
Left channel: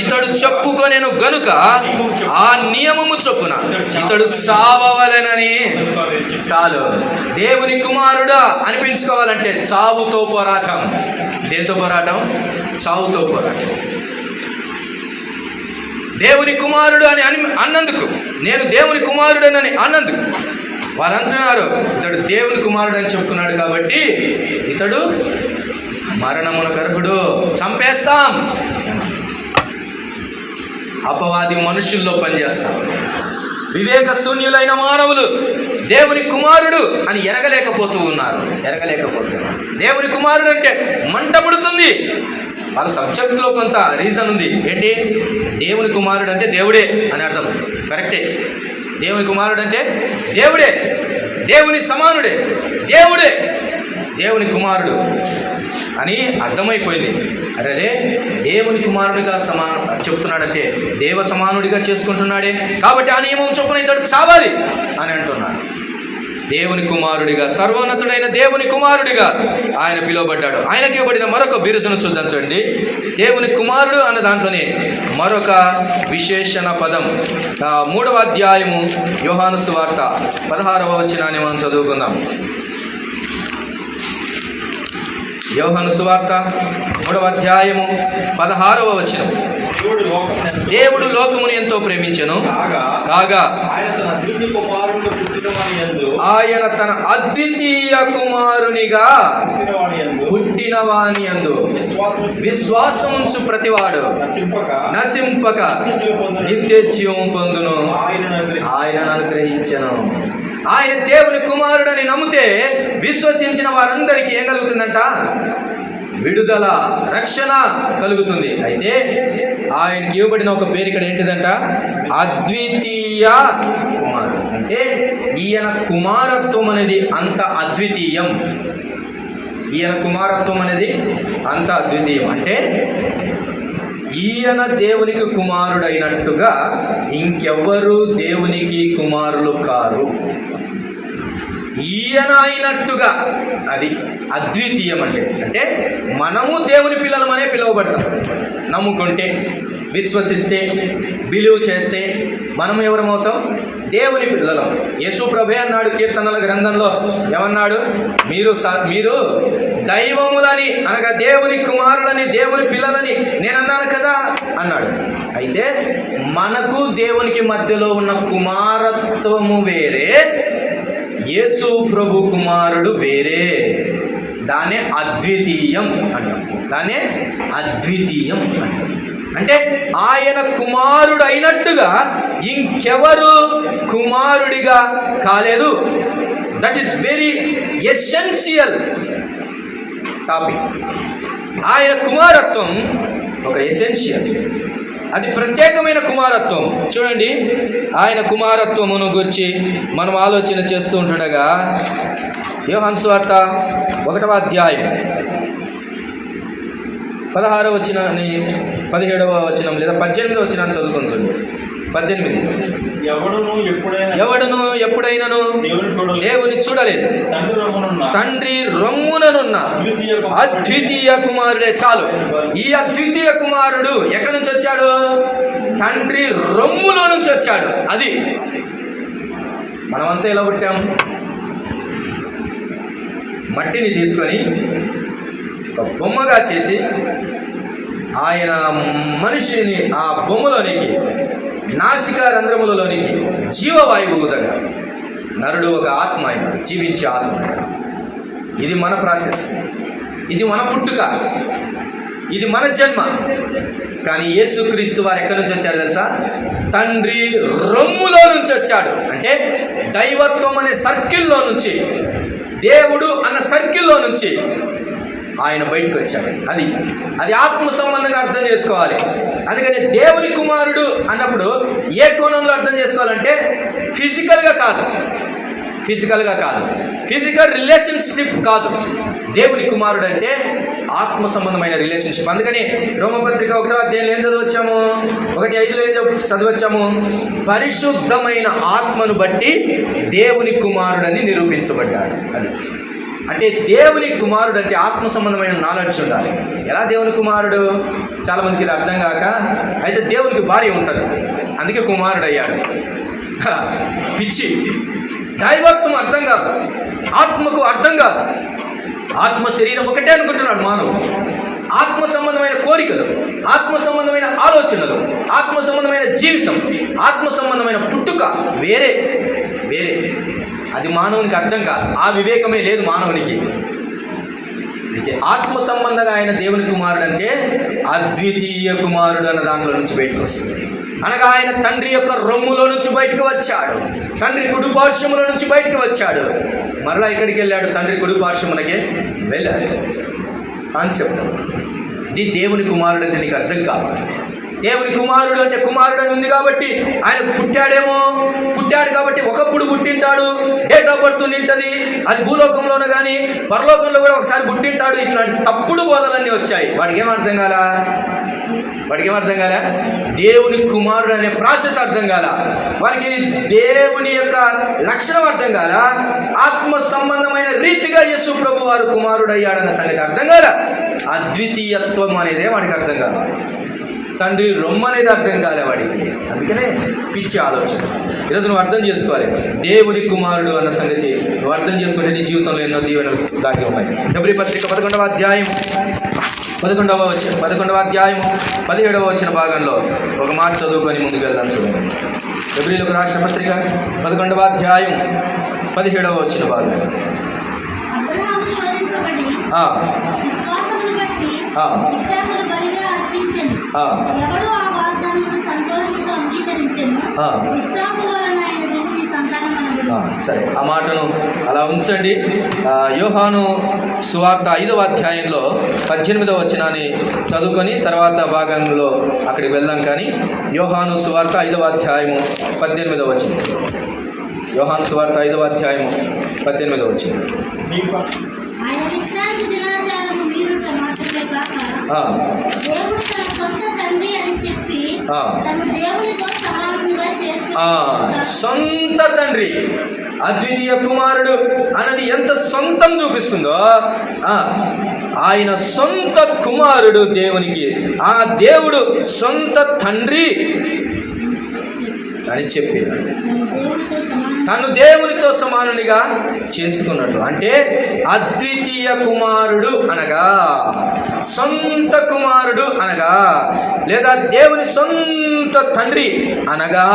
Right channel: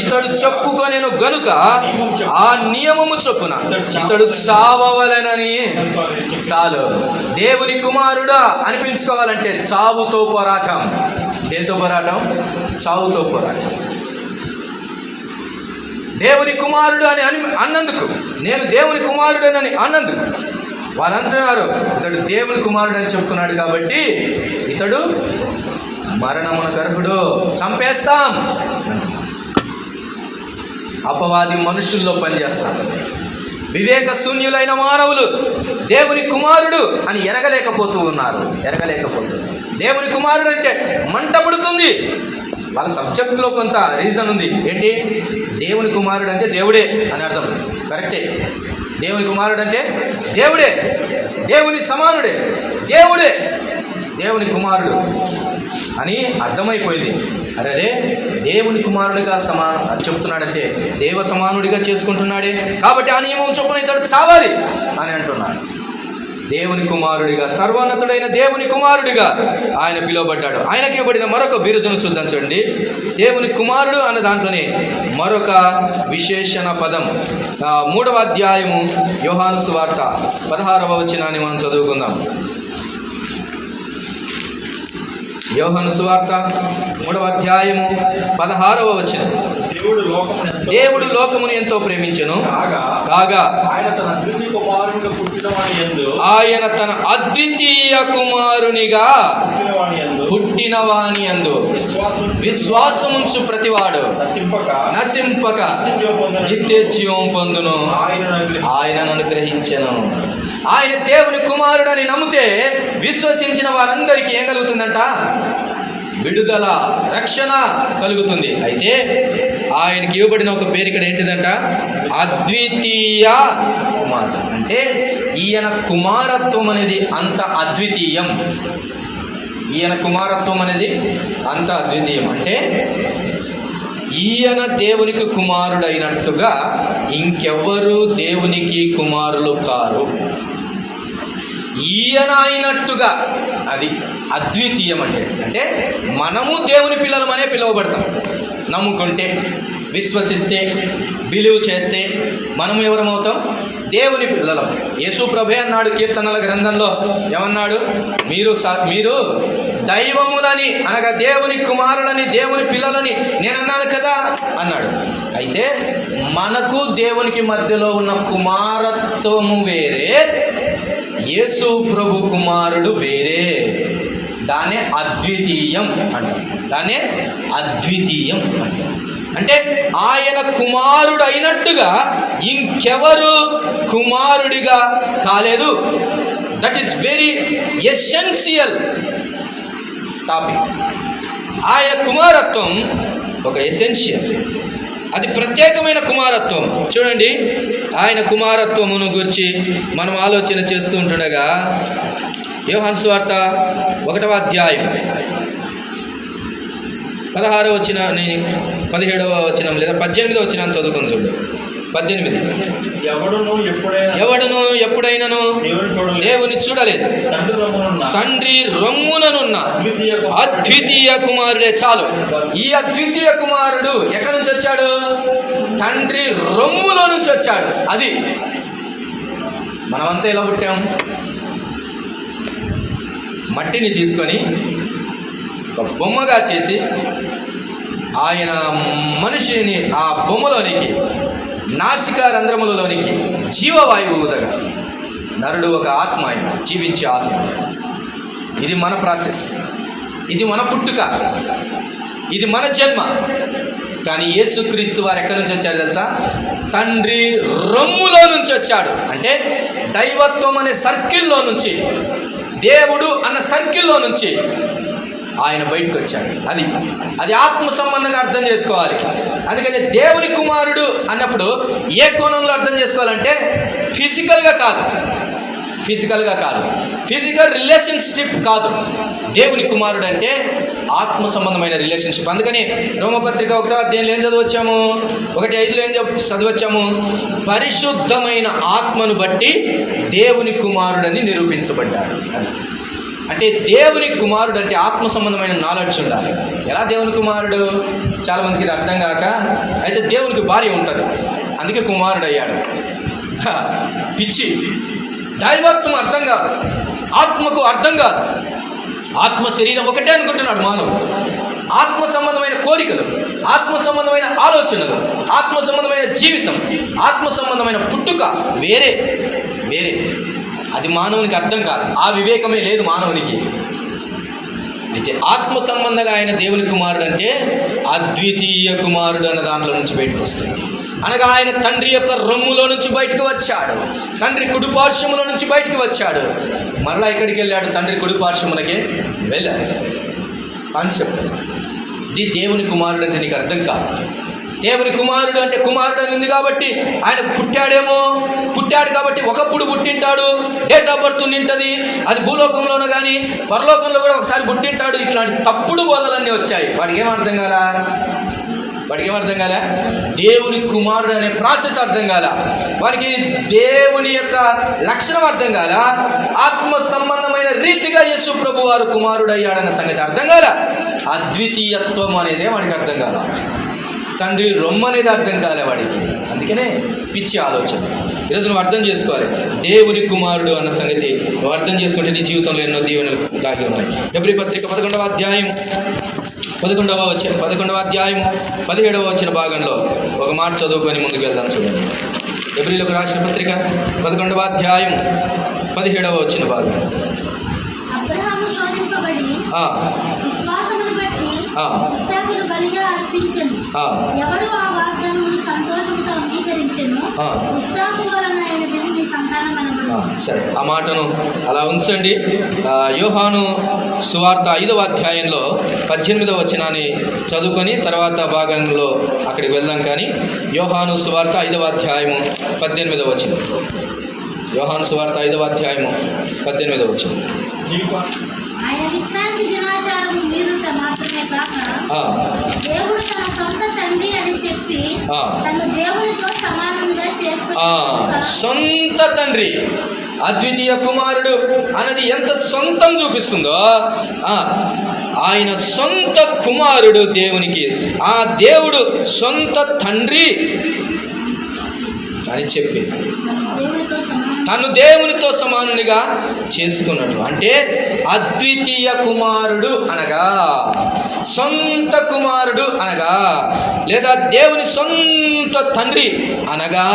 ఇతడు చెప్పుకొనెను గనుక ఆ నియమము చొప్పున ఇతడు చావవలెనని. చాలు. దేవుని కుమారుడా అనిపించుకోవాలంటే చావుతో పోరాటం. దేంతో పోరాటం? చావుతో పోరాటం. దేవుని కుమారుడు అని అన్నందుకు, నేను దేవుని కుమారుడనని అన్నందుకు వాళ్ళు అంటున్నారు ఇతడు దేవుని కుమారుడు అని చెప్పుకున్నాడు కాబట్టి ఇతడు మరణమునకు అర్హుడు, చంపేస్తాం. అపవాది మనుషుల్లో పనిచేస్తాం. వివేక శూన్యులైన మానవులు దేవుని కుమారుడు అని ఎరగలేకపోతున్నారు. దేవుని కుమారుడు అంటే మంట పుడుతుంది. వాళ్ళ సబ్జెక్టులో కొంత రీజన్ ఉంది. ఏంటి? దేవుని కుమారుడు అంటే దేవుడే అని అర్థం. కరెక్టే. దేవుని కుమారుడు అంటే దేవుడే, దేవుని సమానుడే, దేవుడే దేవుని కుమారుడు అని అర్థమైపోయింది. అరే దేవుని కుమారుడిగా చెప్తున్నాడంటే దేవ సమానుడిగా చేసుకుంటున్నాడే, కాబట్టి ఆ నియమం చొప్పున ఇతడు చావాలి అని అంటున్నాడు. దేవుని కుమారుడిగా, సర్వోన్నతుడైన దేవుని కుమారుడిగా ఆయన పిలువబడ్డాడు. ఆయనకి ఇవ్వబడిన మరొక బిరుదును చూద్దాం. చూడండి. దేవుని కుమారుడు అన్న దాంట్లోనే మరొక విశేషణ పదం. 3వ అధ్యాయము యోహాను సువార్త 16వ వచనాన్ని మనం చదువుకుందాం. యోహాను సువార్త 3వ అధ్యాయము 16వ వచనం. దేవుడు లోకమును ఎంతో ప్రేమించెను కాగా ఆయన తన అద్వితీయ కుమారునిగా పుట్టినవాని యందు విశ్వాసముంచు ప్రతివాడు నశింపక నిత్య జీవం పొందును ఆయనను అనుగ్రహించెను. ఆయన దేవుని కుమారుడని నమ్మితే విశ్వసించిన వారందరికీ ఏం కలుగుతుందంట? విడుదల, రక్షణ కలుగుతుంది. అయితే ఆయనకి ఇవ్వబడిన ఒక పేరు ఇక్కడ ఏంటిదంట? అద్వితీయ కుమారుడు. అంటే ఈయన కుమారత్వం అనేది అంత అద్వితీయం. ఈయన కుమారత్వం అనేది అంత అద్వితీయం. అంటే ఈయన దేవునికి కుమారుడైనట్టుగా ఇంకెవ్వరూ దేవునికి కుమారులు కారు. ఈయన అయినట్టుగా, అది అద్వితీయం. అంటే మనము దేవుని పిల్లలమనే పిలువబడతాం. నమ్ముకుంటే, విశ్వసిస్తే, బిలీవ్ చేస్తే మనము ఎవరమవుతాం? దేవుని పిల్లలం. యేసు ప్రభే అన్నాడు కీర్తనల గ్రంథంలో, ఏమన్నాడు? మీరు దైవములని, అనగా దేవుని కుమారులని, దేవుని పిల్లలని నేను అన్నాను కదా అన్నాడు. అయితే మనకు దేవునికి మధ్యలో ఉన్న కుమారత్వము వేరే, యేసు ప్రభు కుమారుడు వేరే. దాన్నే అద్వితీయం అంటాం. దాన్నే అద్వితీయం అంటాం. అంటే ఆయన కుమారుడు అయినట్టుగా ఇంకెవరు కుమారుడిగా కాలేదు. That is very essential topic. ఆయన కుమారత్వం ఒక ఎసెన్షియల్, అది ప్రత్యేకమైన కుమారత్వం. చూడండి, ఆయన కుమారత్వమును గురించి మనం ఆలోచన చేస్తూ ఉంటుండగా యోహాను సువార్త 1వ అధ్యాయం 16వ వచనం, 17వ వచనం లేదా 18వ వచనం చదువుకొని చూడండి. 18. ఎవడును ఎప్పుడైనాను దేవుని చూడలేదు, తండ్రి రొమ్ముననున్న అద్వితీయ కుమారుడే. చాలు. ఈ అద్వితీయ కుమారుడు ఎక్కడి నుంచి వచ్చాడు? తండ్రి రొమ్ములో నుంచి వచ్చాడు. అది మనమంతా ఎలా పుట్టాం? మట్టిని తీసుకొని ఒక బొమ్మగా చేసి ఆయన మనిషిని ఆ బొమ్మలోనికి, నాసికా రంధ్రములలోనికి జీవవాయువు ఊదగా నరుడు ఒక ఆత్మ, ఆయన జీవించే ఆత్మ. ఇది మన ప్రాసెస్, ఇది మన పుట్టుక, ఇది మన జన్మ. కానీ యేసుక్రీస్తు వారు ఎక్కడి నుంచి వచ్చారు తెలుసా? తండ్రి రొమ్ములో నుంచి వచ్చాడు. అంటే దైవత్వం అనే సర్కిల్లో నుంచి, దేవుడు అన్న సర్కిల్లో నుంచి ఆయన బయటకు వచ్చాడు. అది ఆత్మ సంబంధంగా అర్థం చేసుకోవాలి. అందుకని దేవుని కుమారుడు అన్నప్పుడు ఏ కోణంలో అర్థం చేసుకోవాలంటే ఫిజికల్గా కాదు, ఫిజికల్ రిలేషన్షిప్ కాదు. దేవుని కుమారుడు అంటే ఆత్మ సంబంధమైన రిలేషన్షిప్. అందుకని రోమపత్రిక 1వ అధ్యాయంలో ఏం చదవచ్చాము? 1:5 ఏం చదవచ్చాము? పరిశుద్ధమైన ఆత్మను బట్టి దేవుని కుమారుడని నిరూపించబడ్డాడు. అది అంటే దేవుని కుమారుడు అంటే ఆత్మ సంబంధమైన నాలెడ్జ్ ఉండాలి. ఎలా దేవుని కుమారుడు? చాలామందికి ఇది అర్థం కాక, అయితే దేవునికి భార్య ఉంటుంది అందుకే కుమారుడు అయ్యాడు. పిచ్చి. దైవత్వం అర్థం కాదు, ఆత్మకు అర్థం కాదు. ఆత్మ శరీరం ఒకటే అనుకుంటున్నాడు మానవుడు. ఆత్మ సంబంధమైన కోరికలు, ఆత్మ సంబంధమైన ఆలోచనలు, ఆత్మ సంబంధమైన జీవితం, ఆత్మ సంబంధమైన పుట్టుక వేరే. అది మానవునికి అర్థం కాదు. ఆ వివేకమే లేదు మానవునికి. అయితే ఆత్మ సంబంధంగా ఆయన దేవుని కుమారుడు అంటే అద్వితీయ కుమారుడు అన్న దాంట్లో నుంచి బయటకు వస్తుంది. అనగా ఆయన తండ్రి యొక్క రొమ్ములో నుంచి బయటకు వచ్చాడు, తండ్రి కుడిపార్శ్వములో నుంచి బయటకు వచ్చాడు. మరలా ఇక్కడికి వెళ్ళాడు, తండ్రి కుడిపార్శ్వమునకే వెళ్ళాడు. కాన్సెప్ట్ ఇది. దేవుని కుమారుడు అంటే నీకు అర్థం కాదు. దేవుని కుమారుడు అంటే కుమారుడు అని ఉంది కాబట్టి ఆయన పుట్టాడు కాబట్టి ఒకప్పుడు పుట్టింటాడు, డేట్ ఆఫ్ బర్త్ ఉంటుంది, అది భూలోకంలోనూ కానీ పరలోకంలో కూడా ఒకసారి పుట్టింటాడు. ఇట్లాంటి తప్పుడు బోధలన్నీ వచ్చాయి. వాడికి ఏం అర్థం కాల? దేవుని కుమారుడు అనే ప్రాసెస్ అర్థం కాల. వారికి దేవుని యొక్క లక్షణం అర్థం కాల. ఆత్మ సంబంధమైన రీతిగా యేసు ప్రభు వారు కుమారుడు అయ్యాడన్న సంగతి అర్థం కాల. అద్వితీయత్వం అనేదే వాడికి అర్థం కాల. తండ్రి రొమ్ము అనేది అర్థం కాలే వాడికి. అందుకనే పిచ్చి ఆలోచన. ఈరోజు నువ్వు అర్థం చేసుకోవాలి, దేవుని కుమారుడు అన్న సంగతి నువ్వు అర్థం చేసుకుంటే నీ జీవితంలో ఎన్నో దీవెనలు దాగి ఉన్నాయి. హెబ్రీ పత్రిక 11వ అధ్యాయం 17వ వచన భాగంలో ఒక మాట చదువుకొని ముందుకు వెళ్దాం. చూడండి, హెబ్రీలకు రాసిన పత్రిక 11వ అధ్యాయం 17వ వచన భాగం. సరే, ఆ మాటను అలా ఉంచండి. యోహాను సువార్త 5వ అధ్యాయంలో 18వ వచనాన్ని చదువుకొని తర్వాత భాగంలో అక్కడికి వెళ్దాం. కానీ యోహాను సువార్త 5వ అధ్యాయము 18వ వచనం. యోహాను సువార్త 5వ అధ్యాయము 18వ వచనం. సొంత తండ్రి, అద్వితీయ కుమారుడు అన్నది ఎంత సొంతం చూపిస్తుందో, ఆయన సొంత కుమారుడు దేవునికి, ఆ దేవుడు సొంత తండ్రి అని చెప్పి తను దేవునితో సమానునిగా చేసుకున్నట్లు. అంటే అద్వితీయ కుమారుడు అనగా, సొంత కుమారుడు అనగా, లేదా దేవుని సొంత తండ్రి అనగా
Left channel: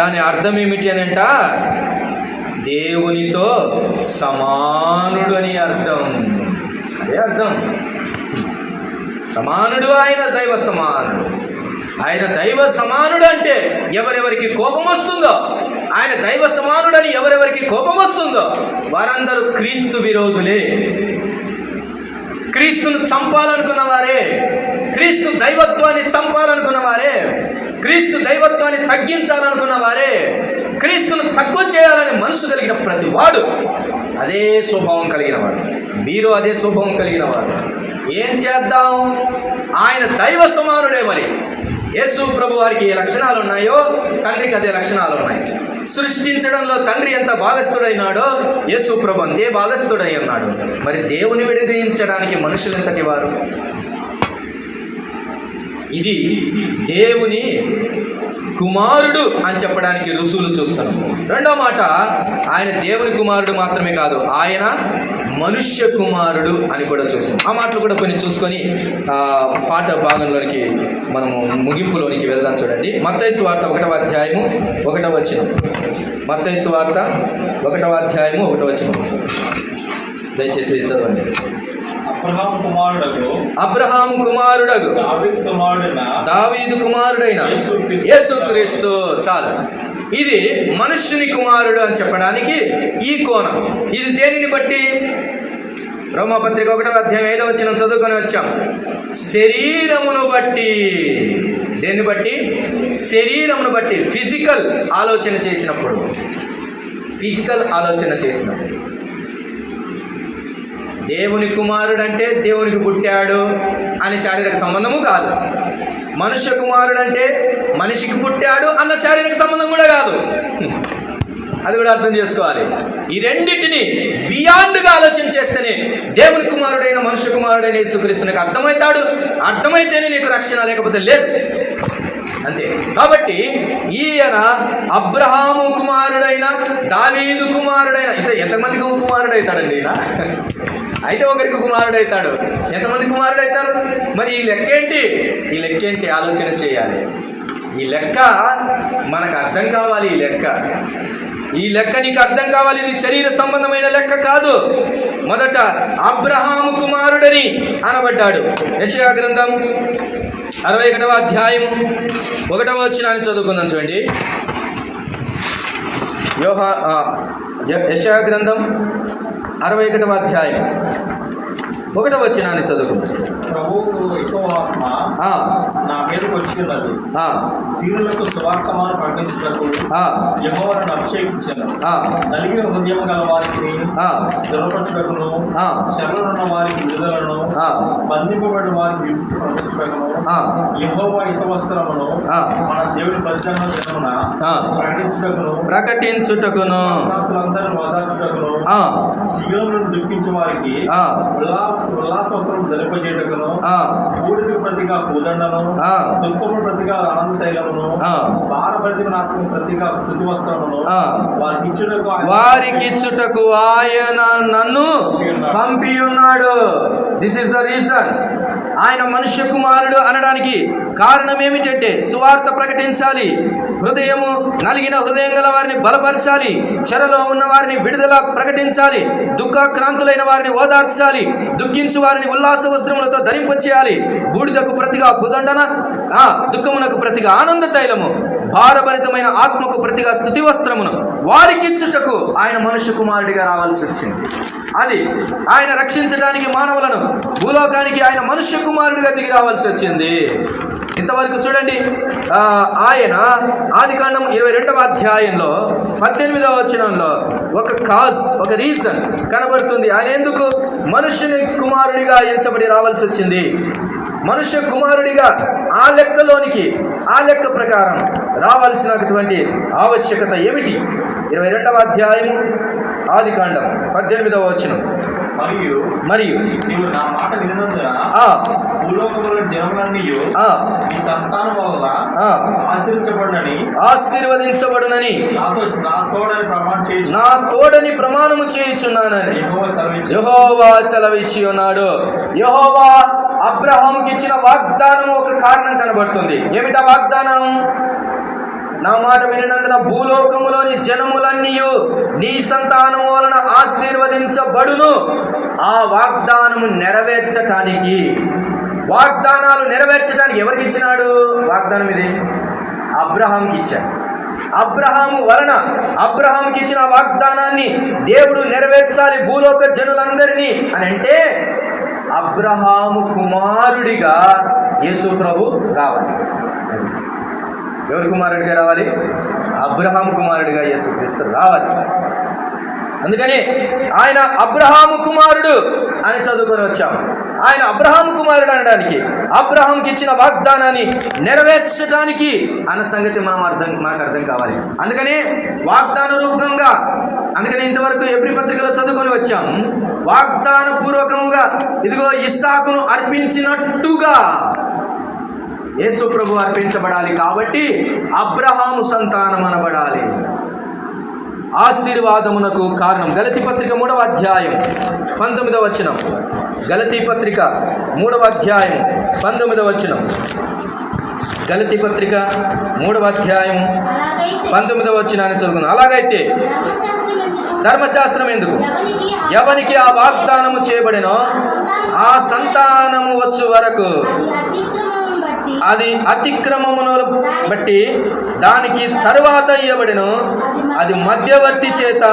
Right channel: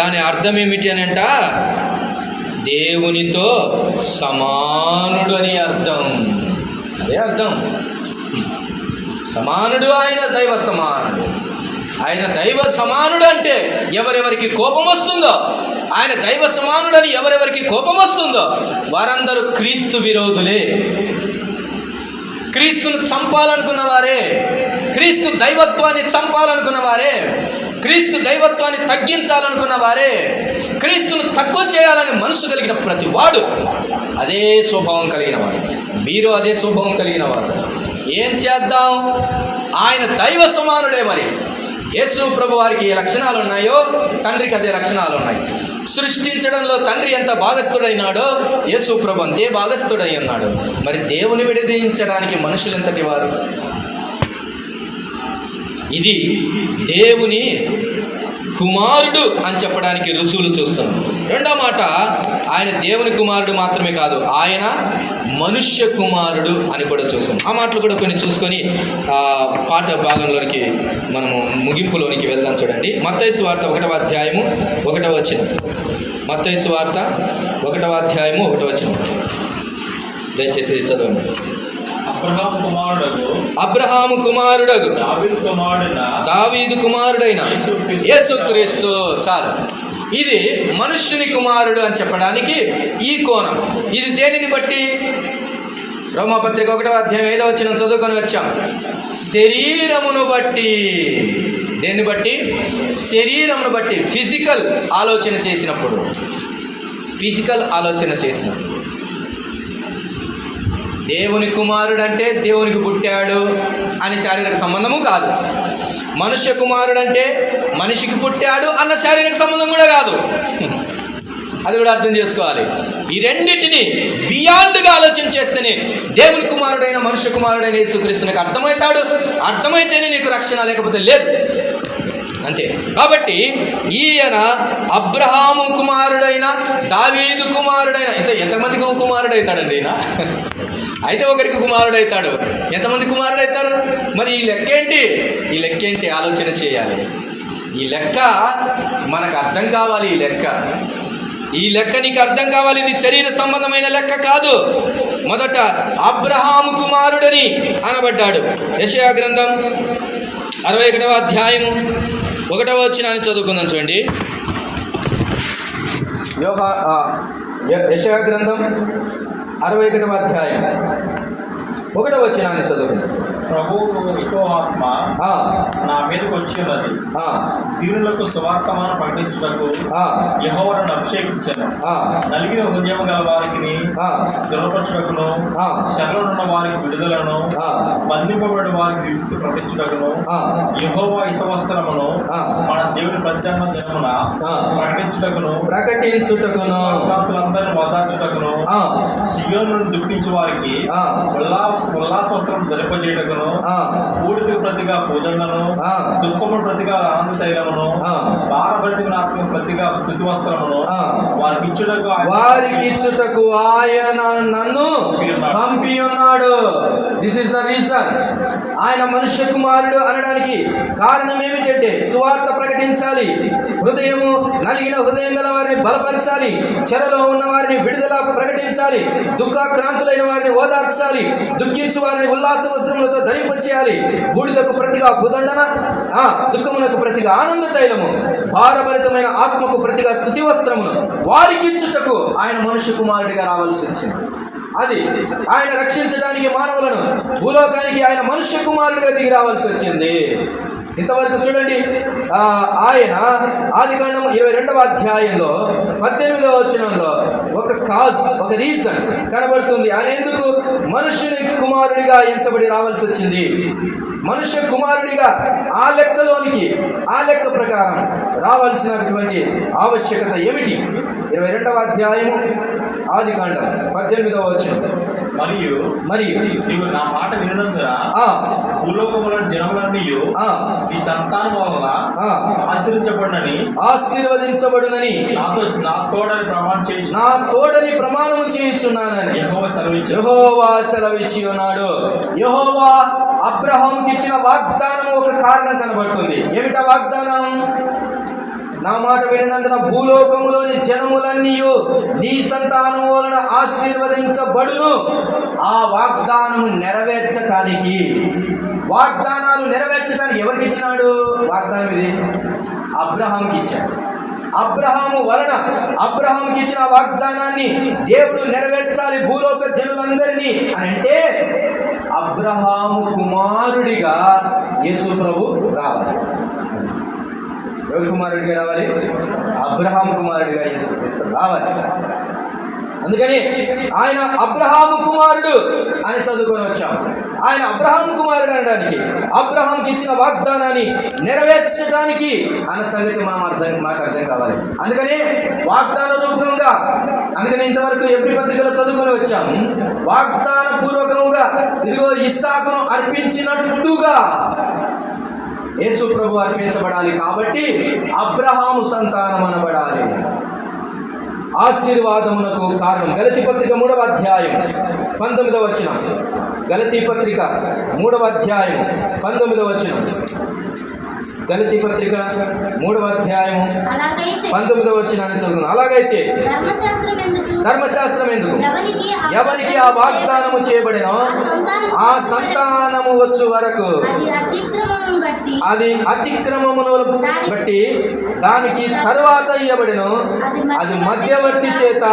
దాని అర్థం ఏమిటి అని అంట, దేవునితో సమానుడు అని అర్థం. అదే అర్థం. సమానుడు, ఆయన దైవ సమానుడు. ఆయన దైవ సమానుడు అంటే ఎవరెవరికి కోపం వస్తుందో, ఆయన దైవ సమానుడని ఎవరెవరికి కోపం వస్తుందో వారందరూ క్రీస్తు విరోధులే, క్రీస్తును చంపాలనుకున్న వారే, క్రీస్తు దైవత్వాన్ని చంపాలనుకున్న వారే, క్రీస్తు దైవత్వాన్ని తగ్గించాలనుకున్న వారే, క్రీస్తును తక్కువ చేయాలని మనసు కలిగిన ప్రతి వాడు అదే స్వభావం కలిగిన వాడు. మీరు అదే స్వభావం కలిగిన వాడు. ఏం చేద్దాం? ఆయన దైవ సమానుడే. మరి యేసు ప్రభు వారికి ఏ లక్షణాలు ఉన్నాయో తండ్రికి అదే లక్షణాలు ఉన్నాయి. సృష్టించడంలో తండ్రి ఎంత భాగస్థుడైనాడో యేసు ప్రభు అంతే భాగస్థుడై ఉన్నాడు. మరి దేవుని విడదీయించడానికి మనుషులు ఎంతటి వారు? ఇది దేవుని కుమారుడు అని చెప్పడానికి రుజువులు చూస్తున్నాం. రెండో మాట, ఆయన దేవుని కుమారుడు మాత్రమే కాదు, ఆయన మనుష్య కుమారుడు అని కూడా చూసాం. ఆ మాటలు కూడా కొన్ని చూసుకొని పాట భాగంలోనికి మనము ముగింపులోనికి వెళ్దాం. చూడండి, మత్తయి సువార్త 1వ అధ్యాయము 1వ వచనం. మత్తయి సువార్త 1వ అధ్యాయము 1వ వచనం దయచేసి చదవండి. అబ్రహాము కుమారుడగు దావీదు కుమారుడైన యేసుక్రీస్తు. చాలు. ఇది మనుష్యుని కుమారుడు అని చెప్పడానికి ఈ కోణం. ఇది దేనిని బట్టి? రోమాపత్రిక 1వ అధ్యాయం 5వ వచనం చదువుకొని వచ్చాం. శరీరమును బట్టి. దేన్ని బట్టి? శరీరమును బట్టి. ఫిజికల్ ఆలోచన చేసినప్పుడు, ఫిజికల్ ఆలోచన చేసినప్పుడు. దేవుని కుమారుడు అంటే దేవునికి పుట్టాడు అని శారీరక సంబంధము కాదు. మనుష్య కుమారుడు అంటే మనిషికి పుట్టాడు అన్న శారీరక సంబంధం కూడా కాదు. అది కూడా అర్థం చేసుకోవాలి. ఈ రెండింటిని బియాండ్గా ఆలోచన చేస్తేనే దేవుని కుమారుడైన మనుష్య కుమారుడైన యేసుక్రీస్తు నీకు అర్థమవుతాడు. అర్థమైతేనే నీకు రక్షణ, లేకపోతే లేదు. అంతే. కాబట్టి ఈయన అబ్రహాము కుమారుడైన దావీదు కుమారుడైన, అయితే ఎంతమందికి కుమారుడైతాడండి ఈయన? అయితే ఒకరికి కుమారుడైతాడు. ఎంతమంది కుమారుడైతారు? మరి ఈ లెక్క ఏంటి? ఈ లెక్క ఏంటి ఆలోచన చేయాలి. ఈ లెక్క మనకు అర్థం కావాలి. ఈ లెక్క నీకు అర్థం కావాలి. ఇది శరీర సంబంధమైన లెక్క కాదు. మొదట అబ్రహాము కుమారుడని అనబడ్డాడు. యెషయా గ్రంథం 61వ అధ్యాయము 1వ వచనాన్ని చదువుకుందాం. చూడండి, యెషయా గ్రంథం 61వ అధ్యాయం 1వ వచనాన్ని చదువుకుందాం. ప్రభువు యెహోవాత్మ నా మీదకి వచ్చి ఉన్నది, దీనులకు సువార్తమాను ప్రకటించుటకు యెహోవాను అభిషేకించాను. నలిగిన హృదయం గల వారికి దృఢపరచుటకును, శరణున్న వారికి విడుదలను, బంధింపబడిన వారికి విముక్తి ప్రకటించుటకును, యెహోవా హితవస్త్రమును మన దేవుని ప్రత్యామ్నాయ దినమున ప్రకటించుటకును, భక్తులందరినీ ఓదార్చుటకును, సియోనును దుఃఖించే వారికి ఉల్లాసవస్త్రం ధరింపజేయటకును, బూడిదకు ప్రతిగా పూదండను, దుఃఖము ప్రతిగా ఆనంద తైలమును, భారభరితమైన ఆత్మకు ప్రతిగా స్తుతి వస్త్రమును వారికి ఇచ్చుటకు ఆయన నన్ను పంపి ఉన్నాడు. This is the reason. ఆయన మనుష్య కుమారుడు అనడానికి కారణం ఏమిటంటే సువార్త ప్రకటించాలి, హృదయము నలిగిన హృదయం గల వారిని బలపరచాలి, చెరలో ఉన్న వారిని విడుదల ప్రకటించాలి, దుఃఖాక్రాంతులైన వారిని ఓదార్చాలి, దుఃఖించు వారిని ఉల్లాస వస్త్రములతో ధరింపచేయాలి, బూడిదకు ప్రతిగా భుదండన, దుఃఖమునకు ప్రతిగా ఆనంద తైలము, భారభరితమైన ఆత్మకు ప్రతిగా స్తుతి వస్త్రమును వారికి ఇచ్చుటకు ఆయన మనుష్య కుమారుడిగా రావాల్సి వచ్చింది. అది ఆయన రక్షించడానికి మానవులను భూలోకానికి ఆయన మనుష్య కుమారుడిగా దిగి రావాల్సి వచ్చింది. ఇంతవరకు చూడండి, ఆయన ఆదికాండం 22వ అధ్యాయంలో 18వ వచనంలో ఒక రీజన్ కనబడుతుంది. ఆయన ఎందుకు మనుష్యుని కుమారుడిగా ఎంచబడి రావాల్సి వచ్చింది. మనుష్య కుమారుడిగా ఆ లెక్క ప్రకారం రావాల్సినటువంటి ఆవశ్యకత ఏమిటి? 22వ అధ్యాయము ఆదికాండం 18వ వచనం. మరియు నీవు నా మాట వినునందున భూలోకములో జనములన్నీ ఆ, ఈ సంతానం వలన ఆ, ఆశీర్వించబడినని నా తోడని ప్రమాణం చేయుచున్నానని యెహోవా సెలవిచ్చి ఉన్నాడు. యెహోవా అబ్రహాంకి ఇచ్చిన వాగ్దానం ఒక కారణం కనబడుతుంది. ఏమిటా వాగ్దానం? నా మాట వినినందున భూలోకములోని జనములన్నీ నీ సంతానం వలన ఆశీర్వదించబడును. ఆ వాగ్దానము నెరవేర్చటానికి, వాగ్దానాలు నెరవేర్చడానికి ఎవరికి ఇచ్చినాడు వాగ్దానం? ఇది అబ్రహాంకి ఇచ్చాడు. అబ్రహాము వలన అబ్రహాంకి ఇచ్చిన వాగ్దానాన్ని దేవుడు నెరవేర్చాలి భూలోక జనులందరినీ అని అంటే అబ్రహాము కుమారుడిగా యేసు ప్రభు రావాలి. ఎవరి కుమారుడిగా రావాలి? అబ్రహాము కుమారుడిగా యేసు క్రీస్తు రావాలి. అందుకని ఆయన అబ్రహాము కుమారుడు అని చదువుకొని వచ్చాము. ఆయన అబ్రహాము కుమారుడు అనడానికి, అబ్రహాంకి ఇచ్చిన వాగ్దానాన్ని నెరవేర్చడానికి అన్న సంగతి మనకు అర్థం కావాలి. అందుకని వాగ్దాన రూపకంగా, అందుకని ఇంతవరకు ఎబ్రీ పత్రికలో చదువుకొని వచ్చాము. వాగ్దాన పూర్వకముగా ఇదిగో ఇస్సాకును అర్పించినట్టుగా యేసు ప్రభు అర్పించబడాలి. కాబట్టి అబ్రహాము సంతానం అనబడాలి. ఆశీర్వాదమునకు కారణం గలతీ పత్రిక 3వ అధ్యాయం 19వ వచనం. గలతీ పత్రిక 3వ అధ్యాయం 19వ వచనం. గలతీ పత్రిక 3వ అధ్యాయం 19వ వచనాన్ని చదువుకుందాం. అలాగైతే ధర్మశాస్త్రం ఎందుకు? ఎవరికి ఆ వాగ్దానము చేయబడినో ఆ సంతానము వచ్చు వరకు అది అతిక్రమమును బట్టి దానికి తరువాత ఇయ్యబడెను. అది మధ్యవర్తి చేత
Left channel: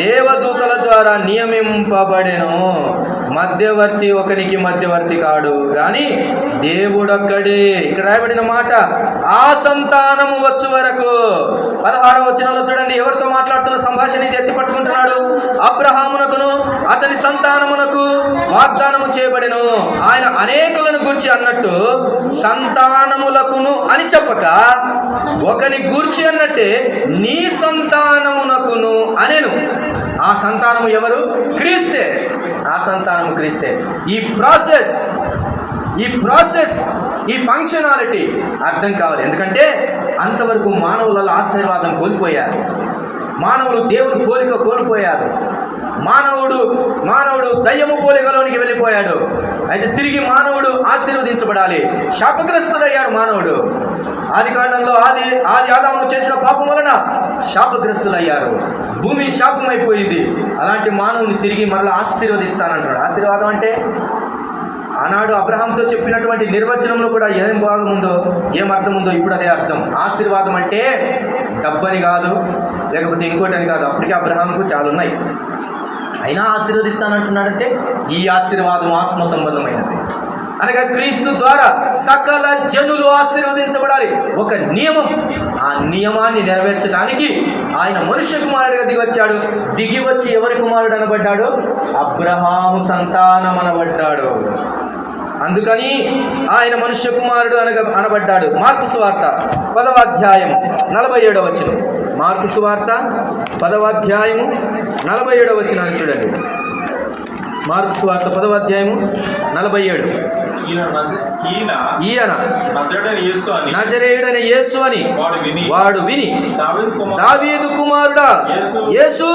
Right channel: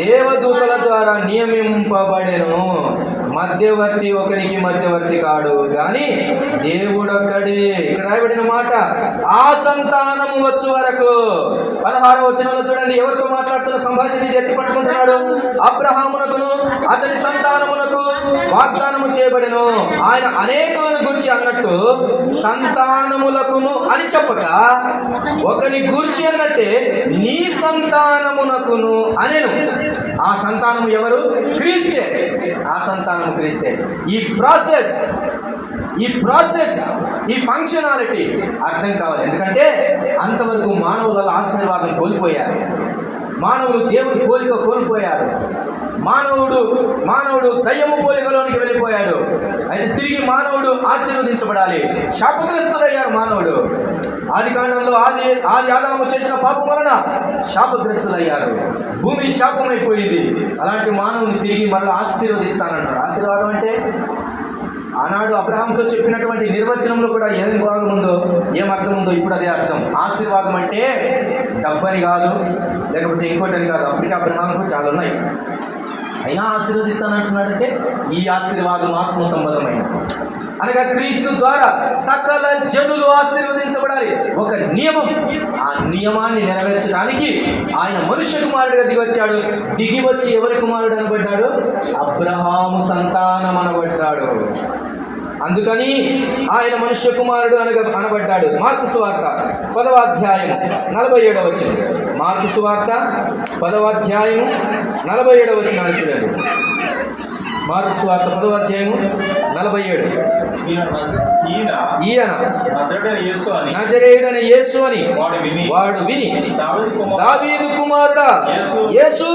దేవదూతల ద్వారా నియమింపబడెను. మధ్యవర్తి ఒకరికి మధ్యవర్తి కాడు కానీ దేవుడొక్కడే. ఇక్కడ రాయబడిన మాట ఆ సంతానము వచ్చు వరకు. 16వ వచనంలో చూడండి, ఎవరితో మాట్లాడుతున్న సంభాషణ ఇది ఎత్తి పట్టుకుంటున్నాడు. అబ్రహామునకును అతని సంతానమునకు వాగ్దానము చేయబడెను. ఆయన అనేకులను గూర్చి అన్నట్టు సంతానములకును అని చెప్పక ఒకని గూర్చి అన్నట్టే నీ సంతానమునకును అనేను. ఆ సంతానము ఎవరు? క్రీస్తే. ఆ సంతానము క్రీస్తే. ఈ ప్రాసెస్ ఈ ఫంక్షనాలిటీ అర్థం కావాలి. ఎందుకంటే అంతవరకు మానవులలో ఆశీర్వాదం కోల్పోయారు. మానవులు దేవుని పోలిక కోల్పోయారు. మానవుడు దయ్యము పోలికలోనికి వెళ్ళిపోయాడు. అయితే తిరిగి మానవుడు ఆశీర్వదించబడాలి. శాపగ్రస్తుడయ్యాడు మానవుడు. ఆది కాండంలో ఆది ఆదాము చేసిన పాపం వలన శాపగ్రస్తులయ్యారు. భూమి శాపమైపోయింది. అలాంటి మానవుని తిరిగి మరలా ఆశీర్వదిస్తానంటాడు. ఆశీర్వాదం అంటే ఆనాడు అబ్రహాంతో చెప్పినటువంటి నిర్వచనంలో కూడా ఏం భాగముందో, ఏం అర్థం ఉందో ఇప్పుడు అదే అర్థం. ఆశీర్వాదం అంటే డబ్బని కాదు, లేకపోతే ఇంకోటి అని కాదు. అప్పటికే అబ్రహాంకు చాలా ఉన్నాయి. అయినా ఆశీర్వదిస్తానంటున్నాడంటే ఈ ఆశీర్వాదం ఆత్మ సంబంధమైనది. అనగా క్రీస్తు ద్వారా సకల జనులు ఆశీర్వదించబడాలి. ఒక నియమం. ఆ నియమాన్ని నెరవేర్చడానికి ఆయన మనుష్య కుమారుడిగా దిగొచ్చాడు. దిగి వచ్చి ఎవరి కుమారుడు అనబడ్డాడు? అబ్రహాము సంతానం అనబడ్డాడు. అందుకని ఆయన మనుష్య కుమారుడు అనబడ్డాడు. మార్కు సువార్త 10వ అధ్యాయం 47వ వచనం. మార్కు సువార్త 10వ అధ్యాయం 47వ వచనాన్ని చూడండి. మార్కు సువార్త 10వ అధ్యాయం 47. ఈయన నజరేయుడైన యేసు అని వాడు విని దావీదు కుమారుడా యేసు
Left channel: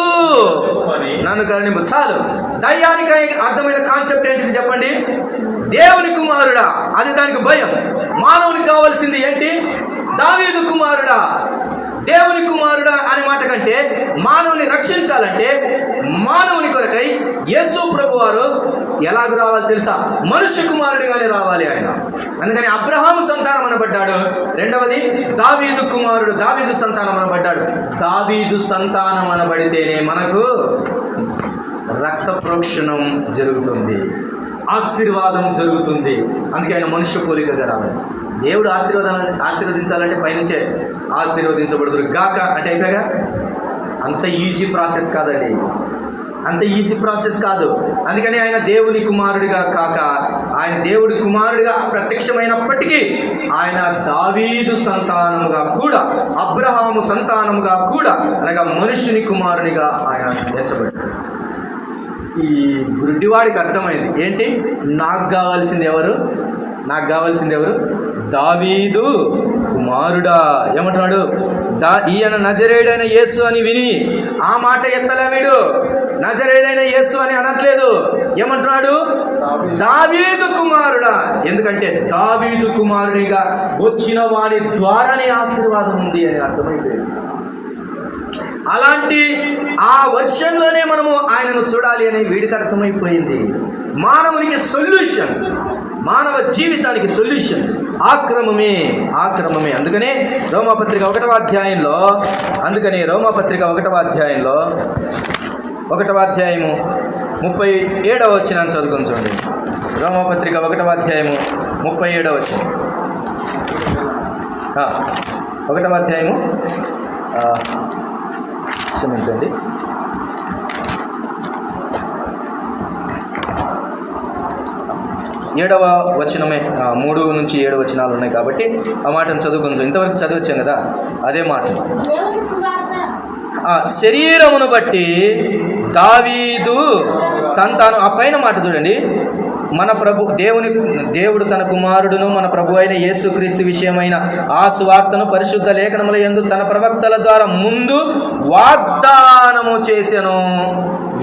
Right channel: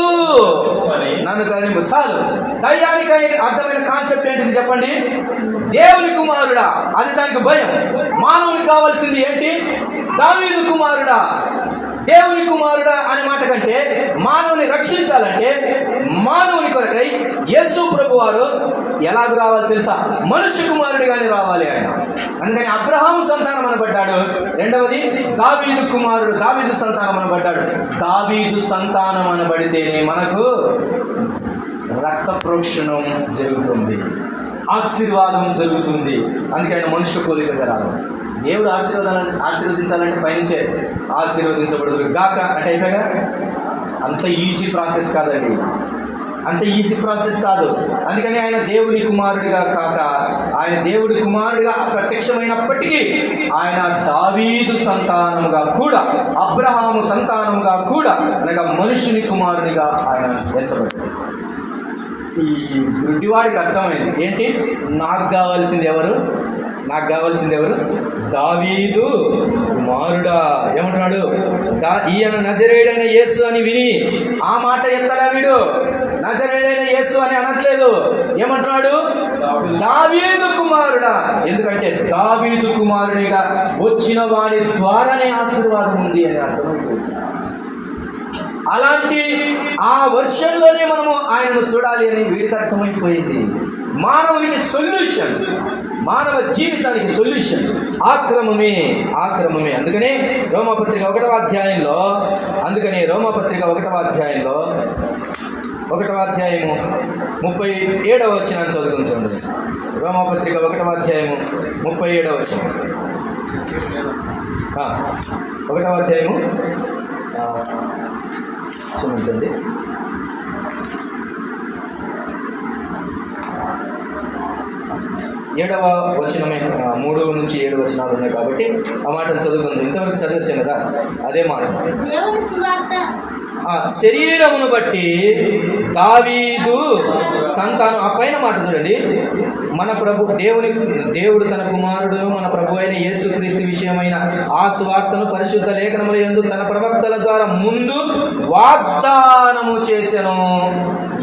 నన్ను కరుణించు. చాలు. దయ్యానికి అర్థమైన కాన్సెప్ట్ ఏంటిది చెప్పండి? దేవుని కుమారుడా, అది దానికి భయం. మానవునికి కావాల్సింది ఏంటి? దావీదు కుమారుడా, దేవుని కుమారుడా అనే మాట కంటే మానవుని రక్షించాలంటే మానవుని కొరకై యేసు ప్రభు వారు ఎలాగ రావాలి తెలుసా? మనుష్య కుమారుడిగానే రావాలి ఆయన. అందుకని అబ్రహాము సంతానం అనబడ్డాడు. రెండవది దావీదు కుమారుడు, దావీదు సంతానం అనబడ్డాడు. దావీదు సంతానం అనబడితేనే మనకు రక్త ప్రోక్షణం జరుగుతుంది, ఆశీర్వాదం జరుగుతుంది. అందుకే ఆయన మనుష్య పోలికగా రావాలి. దేవుడు ఆశీర్వదించాలంటే పైనుంచే ఆశీర్వదించబడుదురు గాక అంటే అయిపోయాగా. అంత ఈజీ ప్రాసెస్ కాదండి, అంత ఈజీ ప్రాసెస్ కాదు. అందుకని ఆయన దేవుని కుమారుడిగా కాక ఆయన దేవుడి కుమారుడిగా ప్రత్యక్షమైనప్పటికీ ఆయన దావీదు సంతానముగా కూడా, అబ్రహాము సంతానముగా కూడా, అనగా మనుషుని కుమారుడిగా ఆయన ఎంచబడ్డాడు. ఈ గుడ్డివాడికి అర్థమైంది ఏంటి? నాకు కావాల్సింది ఎవరు? నాకు కావాల్సింది ఎవరు? దావీదు కుమారుడా. ఏమంటున్నాడు? ఈయన నజరేయుడైన యేసు అని విని ఆ మాట ఎత్తలే వీడు. నజరేయుడైన యేసు అని అనట్లేదు. ఏమంటున్నాడు? దావీదు కుమారుడా. ఎందుకంటే దావీదు కుమారుడిగా వచ్చిన వాడి ద్వారానే ఆశీర్వాదం ఉంది అని అర్థమైపోయింది. అలాంటి ఆ వర్షంలోనే మనము ఆయనను చూడాలి అని వీడికి అర్థమైపోయింది. మానవునికి సొల్యూషన్, మానవ జీవితానికి సొల్యూషన్ ఆక్రమమే. అందుకనే రోమాపత్రిక 1వ అధ్యాయంలో 1వ అధ్యాయము 37వ వచనాన్ని చదువుకుంటుంది. రోమాపత్రిక 1వ అధ్యాయము 37వ వచనం. 1వ అధ్యాయము క్షమించండి, 7వ వచనమే. 3 నుంచి 7 వచనాలు ఉన్నాయి కాబట్టి ఆ మాటను చదువుకుంటాం. ఇంతవరకు చదివచ్చాం కదా, అదే మాట. శరీరమును బట్టి దావీదు సంతానం. ఆ పైన మాట చూడండి. మన దేవుడు తన కుమారుడును మన ప్రభు అయిన యేసుక్రీస్తు విషయమైన ఆ సువార్తను పరిశుద్ధ లేఖనముల యందు తన ప్రవక్తల ద్వారా ముందు వాగ్దానము చేసెను.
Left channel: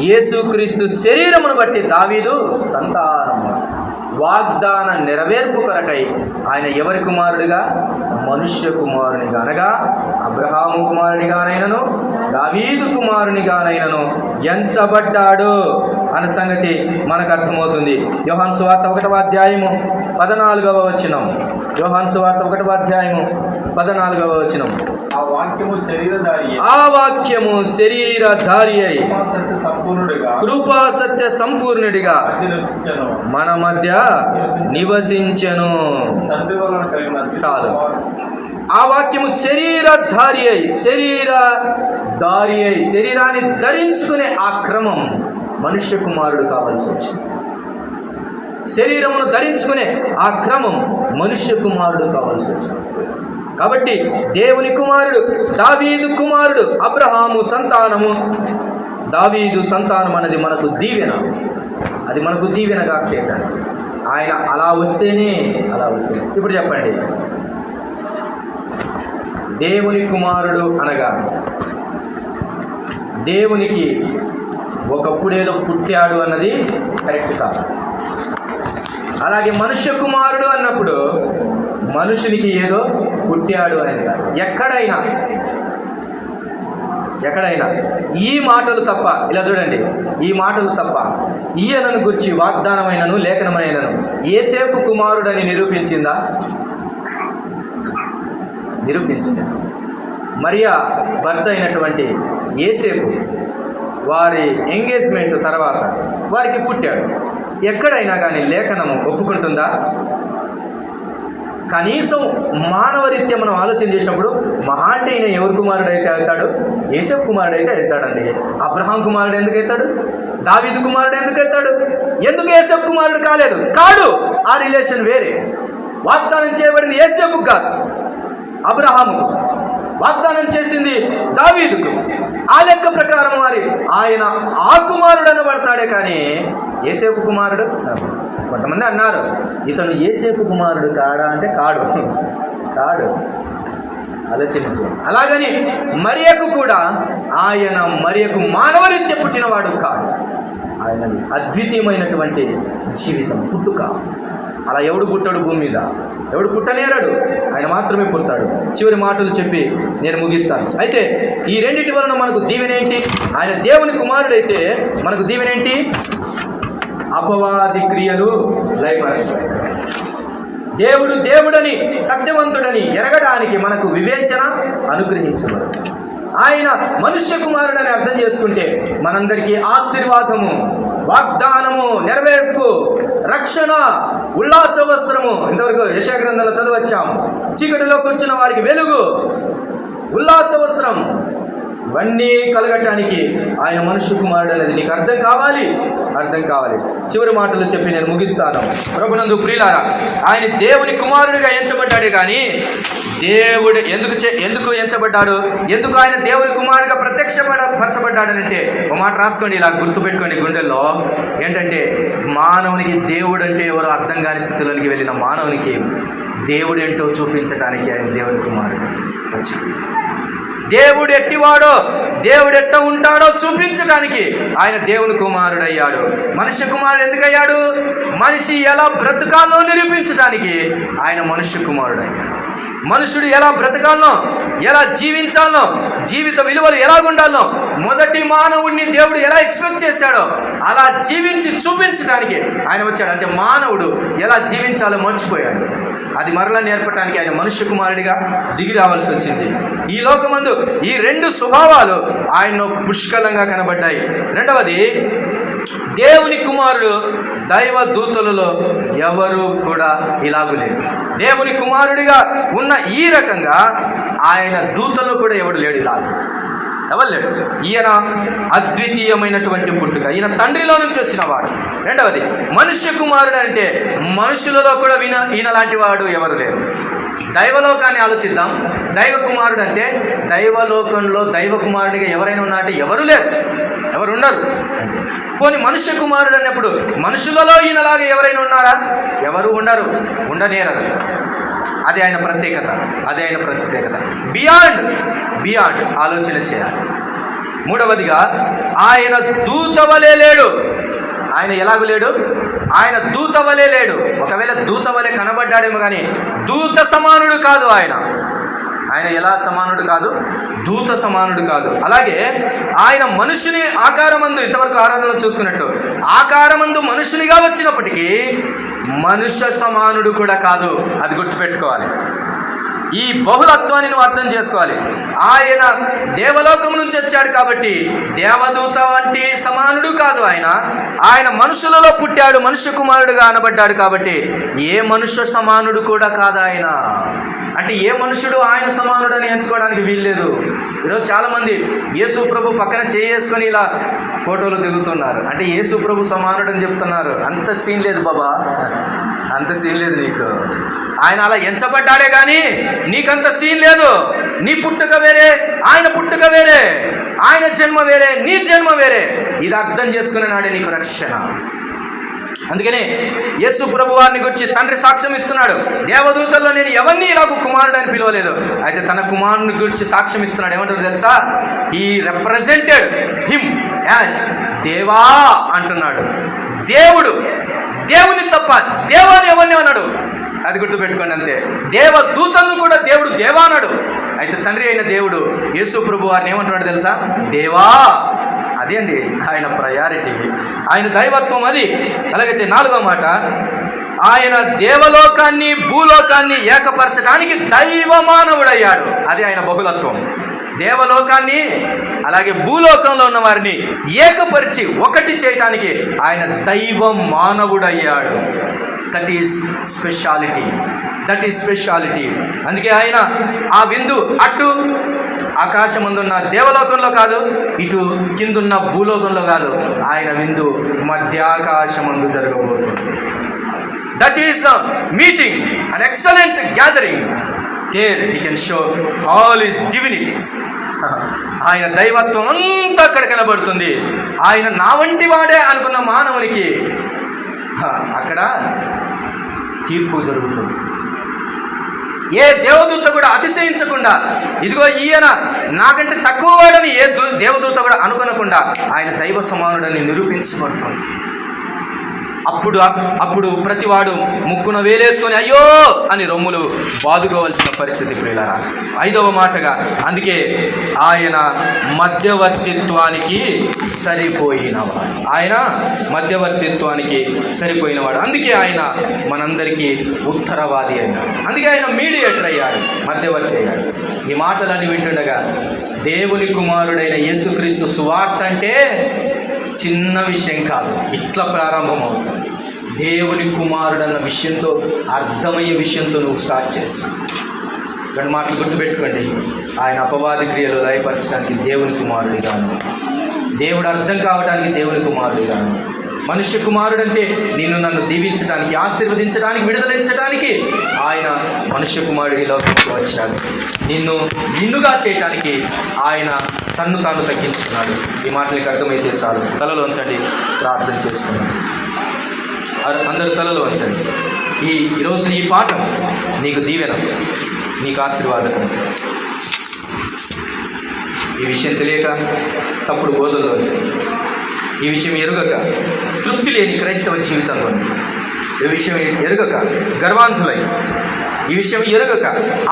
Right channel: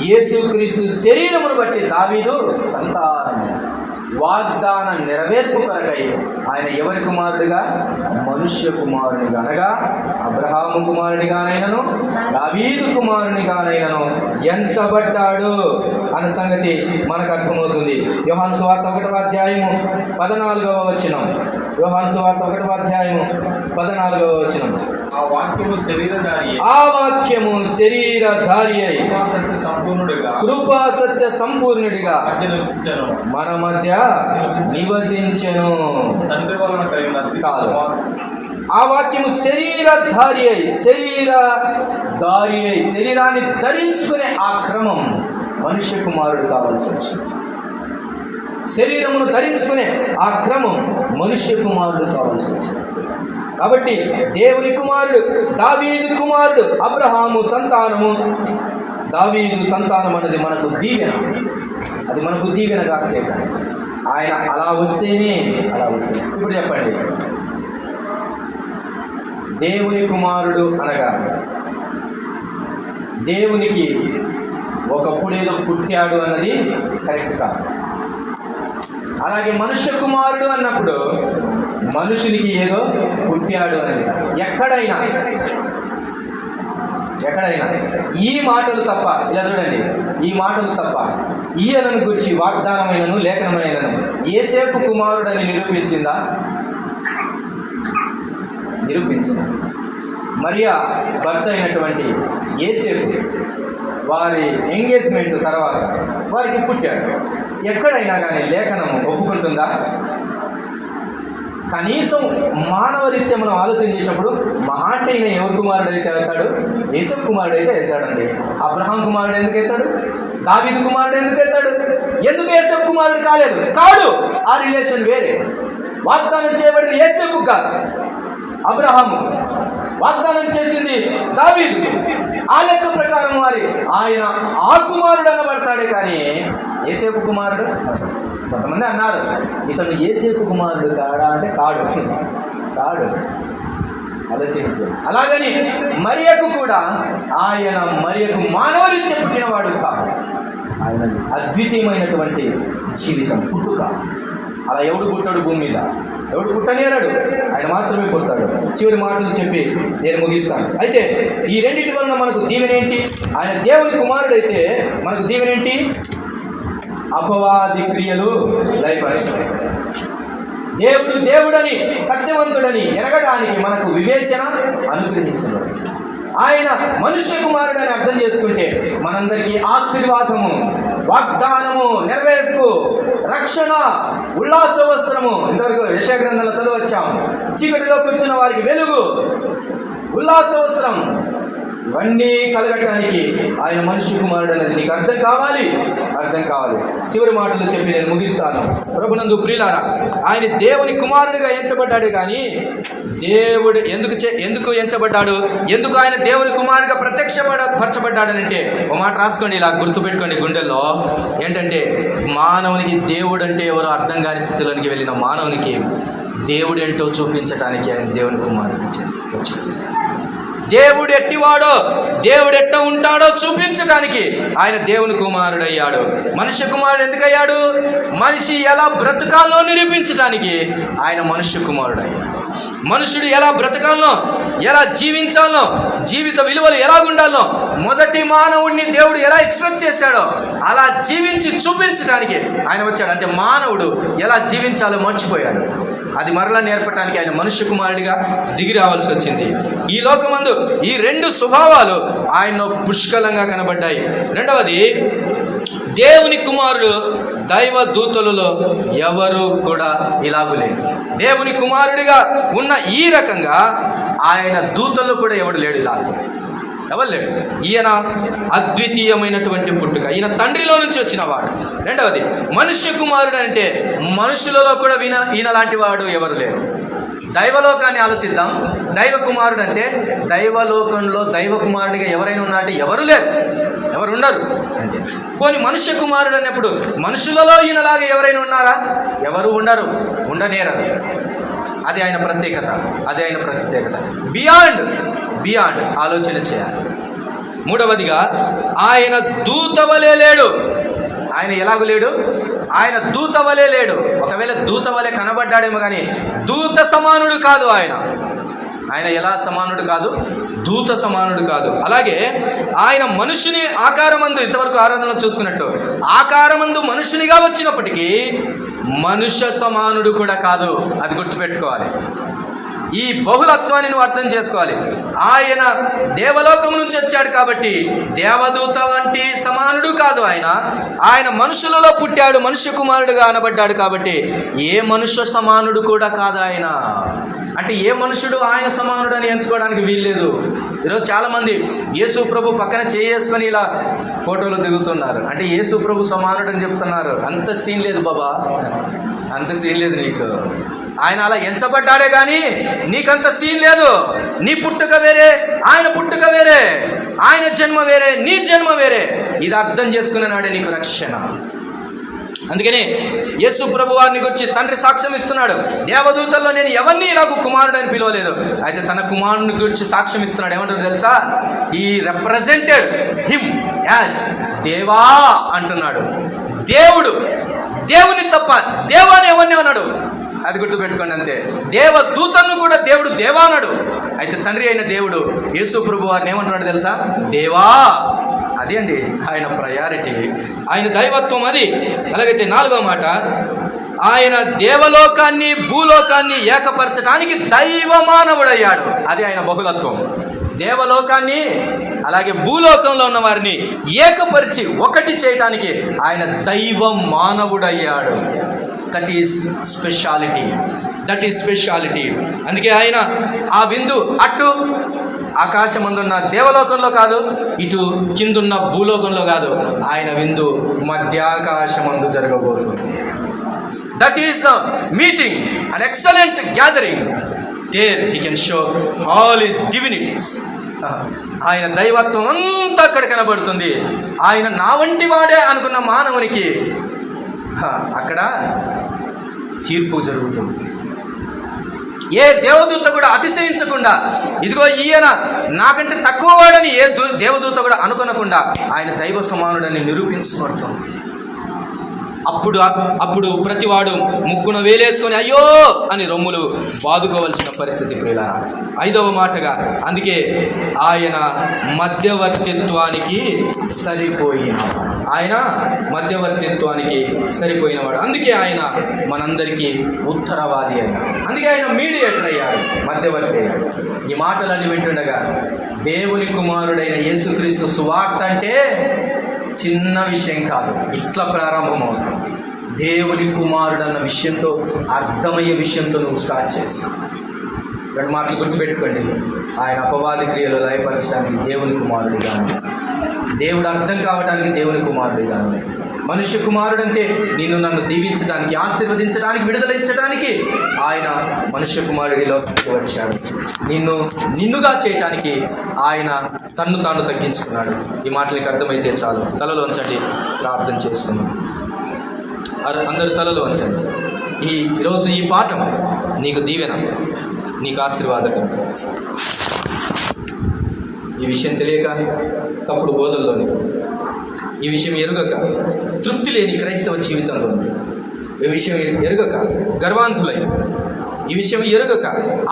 యేసుక్రీస్తు శరీరమును బట్టి దావీదు సంతానం. వాగ్దాన నెరవేర్పు కొరకై ఆయన ఎవరి కుమారుడిగా? మనుష్య కుమారునిగా, అనగా అబ్రహాము కుమారునిగానైనను దావీదు కుమారునిగానైనను ఎంచబడ్డాడు అన్న సంగతి మనకు అర్థమవుతుంది. యోహాను సువార్త 1వ అధ్యాయము 14వ వచనం. యోహాను సువార్త 1వ అధ్యాయము 14వ వచనం. ఆ వాక్యము శరీరధారి అయి కృపా సత్య సంపూర్ణుడిగా మన మధ్య నివసించెను. చాలు. ఆ వాక్యము శరీరధారి అయి శరీరాన్ని ధరించుకునే ఆ క్రమం మనుష్య కుమారుడు కావాల్సి వచ్చింది. శరీరమును ధరించుకునే ఆ క్రమం మనుష్య కుమారుడు కావాల్సి వచ్చింది. కాబట్టి దేవుని కుమారుడు, దావీదు కుమారుడు, అబ్రహాము సంతానము, దావీదు సంతానం అనేది మనకు దీవెన. అది మనకు దీవెనగా చేద్దాం. ఆయన అలా వస్తేనే. ఇప్పుడు చెప్పండి, దేవుని కుమారుడు అనగా దేవునికి ఒకప్పుడేదో పుట్టాడు అన్నది కరెక్ట్ కాదు. అలాగే మనుష్య కుమారుడు అన్నప్పుడు మనుషునికి ఏదో పుట్టాడు అనేది కాదు. ఎక్కడైనా ఈ మాటలు తప్ప, ఇలా చూడండి, ఈ మాటలు తప్ప ఈయనను గురించి వాగ్దానమైనను లేఖనమైనను యేసేపు కుమారుడని నిరూపించిందా? నిరూపించింది. మరియా భర్త అయినటువంటి యేసేపు వారి ఎంగేజ్మెంట్ తర్వాత వారికి పుట్టాడు. ఎక్కడైనా కానీ లేఖనము ఒప్పుకుంటుందా? కనీసం మానవరీత్యా మనం ఆలోచన చేసినప్పుడు మహా అంటే ఈయన ఎవరి కుమారుడు అయితే అవుతాడు? యేసేపు కుమారుడు అయితే అవుతాడండి. అబ్రహాం కుమారుడు ఎందుకు అవుతాడు? దావీదు కుమారుడు ఎందుకు అవుతాడు? ఎందుకు యేసేపు కుమారుడు కాలేదు? కాడు. ఆ రిలేషన్ వేరే. వాగ్దానం చేయబడింది యేసేపుకు కాదు, అబ్రహాము. వాగ్దానం చేసింది దావీదుకు. ఆ లెక్క ప్రకారం వారి ఆయన ఆ కుమారుడు అనబడతాడే కానీ యేసేపు కుమారుడు. కొంతమంది అన్నారు ఇతను యేసేపు కుమారుడు కాడా అంటే కాడు. ఆలోచించు. అలాగని మరియకు కూడా మరియకు మానవరీత్య పుట్టినవాడు కాదు. ఆయన అద్వితీయమైనటువంటి జీవితం, పుట్టుక. అలా ఎవడు పుట్టాడు భూమి మీద? ఎవడు పుట్టనేరాడు, ఆయన మాత్రమే పుడతాడు. చివరి మాటలు చెప్పి నేను ముగిస్తాను. అయితే ఈ రెండింటి వలన మనకు దీవెనేంటి? ఆయన దేవుని కుమారుడైతే మనకు దీవెనేంటి? అపవాది క్రియలు లయపరుస్తాయి. దేవుడని సత్యవంతుడని ఎరగడానికి మనకు వివేచన అనుగ్రహించడు. ఆయన మనుష్య కుమారుడని అర్థం చేసుకుంటే మనందరికీ ఆశీర్వాదము, వాగ్దానము, నెరవేర్పు, రక్షణ, ఉల్లాస వస్త్రము. ఇంతవరకు యెషయా గ్రంథంలో చదవచ్చాము. చీకటిలో కూర్చున్న వారికి వెలుగు, ఉల్లాస వస్త్రం, ఇవన్నీ కలగటానికి ఆయన మనుష్య కుమారుడు అనేది నీకు అర్థం కావాలి. చివరి మాటలు చెప్పి నేను ముగిస్తాను. ప్రభునందు ప్రియులారా, ఆయన దేవుని కుమారుడిగా ఎంచబడ్డాడే కానీ దేవుడు ఎందుకు ఎంచబడ్డాడు, ఎందుకు ఆయన దేవుని కుమారుడిగా పరచబడ్డాడనంటే ఒక మాట రాసుకోండి, ఇలా గుర్తుపెట్టుకోండి గుండెల్లో. ఏంటంటే మానవునికి దేవుడు అంటే ఎవరో అర్థం కాని స్థితిలోనికి వెళ్ళిన మానవునికి దేవుడేంటో చూపించడానికి ఆయన దేవుని కుమారుడు వచ్చింది. దేవుడు ఎట్టివాడో, దేవుడు ఎట్ట ఉంటాడో చూపించడానికి ఆయన దేవుని కుమారుడు అయ్యాడు. మనుష్య కుమారుడు ఎందుకయ్యాడు? మనిషి ఎలా బ్రతకాలో నిరూపించడానికి ఆయన మనుష్య కుమారుడు అయ్యాడు. మనుషుడు ఎలా బ్రతకాలనో, ఎలా జీవించాలనో, జీవిత విలువలు ఎలాగుండాలనో, మొదటి మానవుడిని దేవుడు ఎలా ఎక్స్పెక్ట్ చేశాడో అలా జీవించి చూపించడానికి ఆయన వచ్చాడు. అంటే మానవుడు ఎలా జీవించాలో మర్చిపోయాడు. అది మరలా నేర్పడానికి ఆయన మనుష్య కుమారుడిగా దిగి రావాల్సి వచ్చింది. ఈ లోకమందు ఈ రెండు స్వభావాలు ఆయనలో పుష్కలంగా కనబడ్డాయి. రెండవది, దేవుని కుమారుడు దైవ దూతలలో ఎవరు కూడా ఇలాగూ లేదు. దేవుని కుమారుడిగా ఉన్న ఈ రకంగా ఆయన దూతల్లో కూడా ఎవడు లేడు, ఇలాగూ ఎవరు లేడు. ఈయన అద్వితీయమైనటువంటి పుట్టుక, ఈయన తండ్రిలో నుంచి వచ్చిన వాడు. రెండవది, మనుష్య కుమారుడు అంటే మనుషులలో కూడా ఈయన లాంటి వాడు ఎవరు లేరు. దైవలోకాన్ని ఆలోచిద్దాం. దైవ కుమారుడు అంటే దైవలోకంలో దైవ కుమారుడిగా ఎవరైనా ఉన్నారంటే ఎవరు లేరు, ఎవరు ఉండరు. అంటే పోనీ మనుష్య కుమారుడు అన్నప్పుడు మనుషులలో ఈయనలాగా ఎవరైనా ఉన్నారా? ఎవరు ఉండరు, ఉండనేరరు. అది ఆయన ప్రత్యేకత. బియాండ్ ఆలోచన చేయాలి. మూడవదిగా, ఆయన దూతవలే లేడు. ఆయన ఎలాగూ లేడు? ఆయన దూతవలే లేడు. ఒకవేళ దూతవలే కనబడ్డాడేమో కానీ దూత సమానుడు కాదు. ఆయన ఎలా సమానుడు కాదు? దూత సమానుడు కాదు. అలాగే ఆయన మనుషుని ఆకారమందు, ఇంతవరకు ఆరాధనలో చూసుకున్నట్టు ఆకారమందు మనుషునిగా వచ్చినప్పటికీ మనుష్య సమానుడు కూడా కాదు. అది గుర్తుపెట్టుకోవాలి. ఈ బహుళత్వాన్ని నువ్వు అర్థం చేసుకోవాలి. ఆయన దేవలోకం నుంచి వచ్చాడు కాబట్టి దేవదూత వంటి సమానుడు కాదు. ఆయన మనుషులలో పుట్టాడు, మనుష్య కుమారుడుగా అనబడ్డాడు కాబట్టి ఏ మనుష్య సమానుడు కూడా కాదు ఆయన. అంటే ఏ మనుషుడు ఆయన సమానుడు అని ఎంచుకోవడానికి వీల్లేదు. ఈరోజు చాలామంది యేసు ప్రభు పక్కన చేసుకొని ఇలా ఫోటోలు దిగుతున్నారు. అంటే యేసు ప్రభు సమానుడు అని చెప్తున్నారు. అంత సీన్ లేదు బాబా, అంత సీన్ లేదు నీకు. ఆయన అలా ఎంచబడ్డాడే కానీ నీకంత సీన్ లేదు. నీ పుట్టుక వేరే, ఆయన పుట్టుక వేరే, ఆయన జన్మ వేరే, నీ జన్మ వేరే. ఇది అర్థం చేసుకునే నాడే నీకు రక్షణ. అందుకనే యేసు ప్రభు వారిని గురించి తండ్రి సాక్ష్యం ఇస్తున్నాడు. దేవదూతల్లో నేను ఎవరిని ఇలాగ కుమారుడు అని పిలవలేదు. అయితే తన కుమారుని గురించి సాక్ష్యం ఇస్తున్నాడు. ఏమంటారు తెలుసా? ఈ రిప్రజెంటెడ్ హిమ్ యాజ్ దేవా అంటున్నాడు. దేవుని తప్ప దేవా అని ఎవరిని అన్నాడు? అది గుర్తుపెట్టుకోండి. అంతే. దేవదూతలను కూడా దేవుడు దేవా అన్నాడు. అయితే తండ్రి అయిన దేవుడు యేసు ప్రభు వారిని ఏమంటున్నాడు తెలుసా? దేవా. అది అండి ఆయన ప్రయారిటీ, ఆయన దైవత్వం అది. అలాగైతే నాలుగో మాట, ఆయన దేవలోకాన్ని భూలోకాన్ని ఏకపరచడానికి దైవ మానవుడయ్యాడు. అది ఆయన బహుళత్వం. దేవలోకాన్ని అలాగే భూలోకంలో ఉన్న వారిని ఏకపరిచి ఒకటి చేయటానికి ఆయన దైవ మానవుడయ్యాడు. That is speciality. అందుకే ఆయన ఆ విందు అటు ఆకాశమందున్న దేవలోకంలో కాదు, ఇటు కిందున్న భూలోకంలో కాదు. ఆయన విందు మధ్యాకాశమందు జరగబోతుంది. That is the meeting, an excellent gathering. There he can show all his divinities. ఆయన దైవత్వం అంతా అక్కడ కనబడుతుంది. ఆయన నా వంటి వాడే అనుకున్న మానవునికి అక్కడ తీర్పు జరుగుతుంది. ఏ దేవదూత కూడా అతిశయించకుండా, ఇదిగో ఈయన నాకంటే తక్కువ వాడని ఏ దేవదూత కూడా అనుకొనకుండా ఆయన దైవ సమానుడని నిరూపించబడుతుంది. అప్పుడు ప్రతివాడు ముక్కున వేలేసుకొని అయ్యో అని రొమ్ములు బాదుకోవలసిన పరిస్థితి ప్రియులారా. ఐదవ మాటగా, అందుకే ఆయన మధ్యవర్తిత్వానికి సరిపోయినవాడు. అందుకే ఆయన మనందరికీ ఉత్తరవాది అయ్యాడు. అందుకే ఆయన మీడియేటర్ అయ్యాడు, మధ్యవర్తి అయ్యాడు. ఈ మాటలన్నీ వింటుండగా దేవుని కుమారుడైన యేసుక్రీస్తు సువార్త అంటే చిన్న విషయం కాదు. ఇట్లా ప్రారంభమవుతుంది. దేవుని కుమారుడు అన్న విషయంతో, అర్థమయ్యే విషయంతో నువ్వు స్టార్ట్ చేస్తావు. రెండు మాటలు గుర్తుపెట్టుకోండి. ఆయన అపవాది క్రియలు లయపరచడానికి దేవుని కుమారుడిగాను, దేవుడు అర్థం కావడానికి దేవుని కుమారుడిగాను, మనుష్య కుమారుడు అంటే నిన్ను నన్ను దీవించడానికి, ఆశీర్వదించడానికి, విడుదలించడానికి ఆయన మనుష్య కుమారుడి లోకానికి వచ్చాడు. నిన్నుగా చేయటానికి ఆయన తన్ను తాను తగ్గించుకున్నాడు. ఈ మాటలకి అర్థమైతే చాలు. తలలో వంచండి, ప్రార్థన చేసుకున్నాం. అందరూ తలలో వంచండి. ఈరోజు ఈ పాఠం నీకు దీవెన, నీకు ఆశీర్వాదకం. ఈ విషయం తెలియక తప్పుడు బోధల్లో, ఈ విషయం ఎరుగక తృప్తి లేని క్రైస్తవ జీవితంలో, ఈ విషయం ఎరుగక గర్వాంతులై, ఈ విషయం ఎరుగక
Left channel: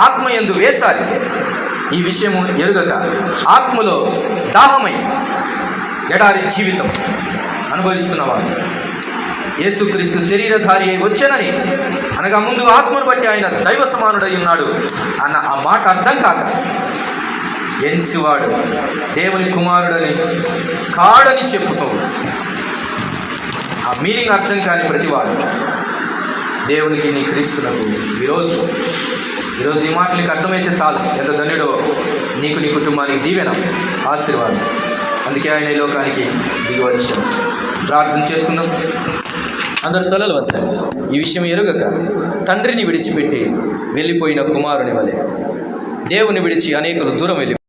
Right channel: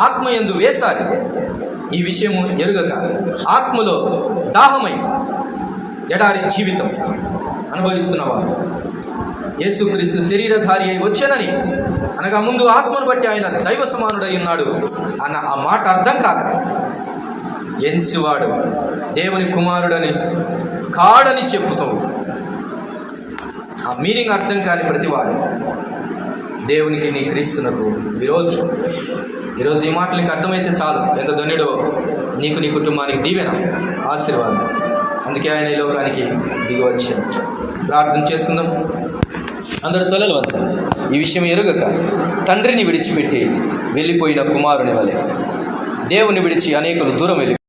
ఆత్మయందు వేసారి, ఈ విషయము ఎరుగక ఆత్మలో దాహమై ఎడారి జీవితం అనుభవిస్తున్నవారు, యేసుక్రీస్తు శరీరధారి అయి వచ్చానని అనగా ముందు ఆత్మను బట్టి ఆయన దైవ సమానుడై ఉన్నాడు అన్న ఆ మాట అర్థం కాక ఎంచివాడు దేవుని కుమారుడని కాడని చెప్పుతూ ఆ మీనింగ్ అర్థం కాని ప్రతివాడు దేవునికి, నీ క్రీస్తునకు విరోధి. ఈరోజు ఈ మాటలు నీకు అర్థమైతే చాలు. ఎంత ధన్యుడో, నీకు, నీ కుటుంబానికి దీవెన, ఆశీర్వాదం. అందుకే ఆయన ఈ లోకానికి దిగి వచ్చాడు. ప్రార్థన చేసుకుందాం. అందరూ తలలు వంచండి. ఈ విషయం ఎరుగక తండ్రిని విడిచిపెట్టి వెళ్ళిపోయిన కుమారుని వలె దేవుని విడిచి అనేకులు దూరం వెళ్ళి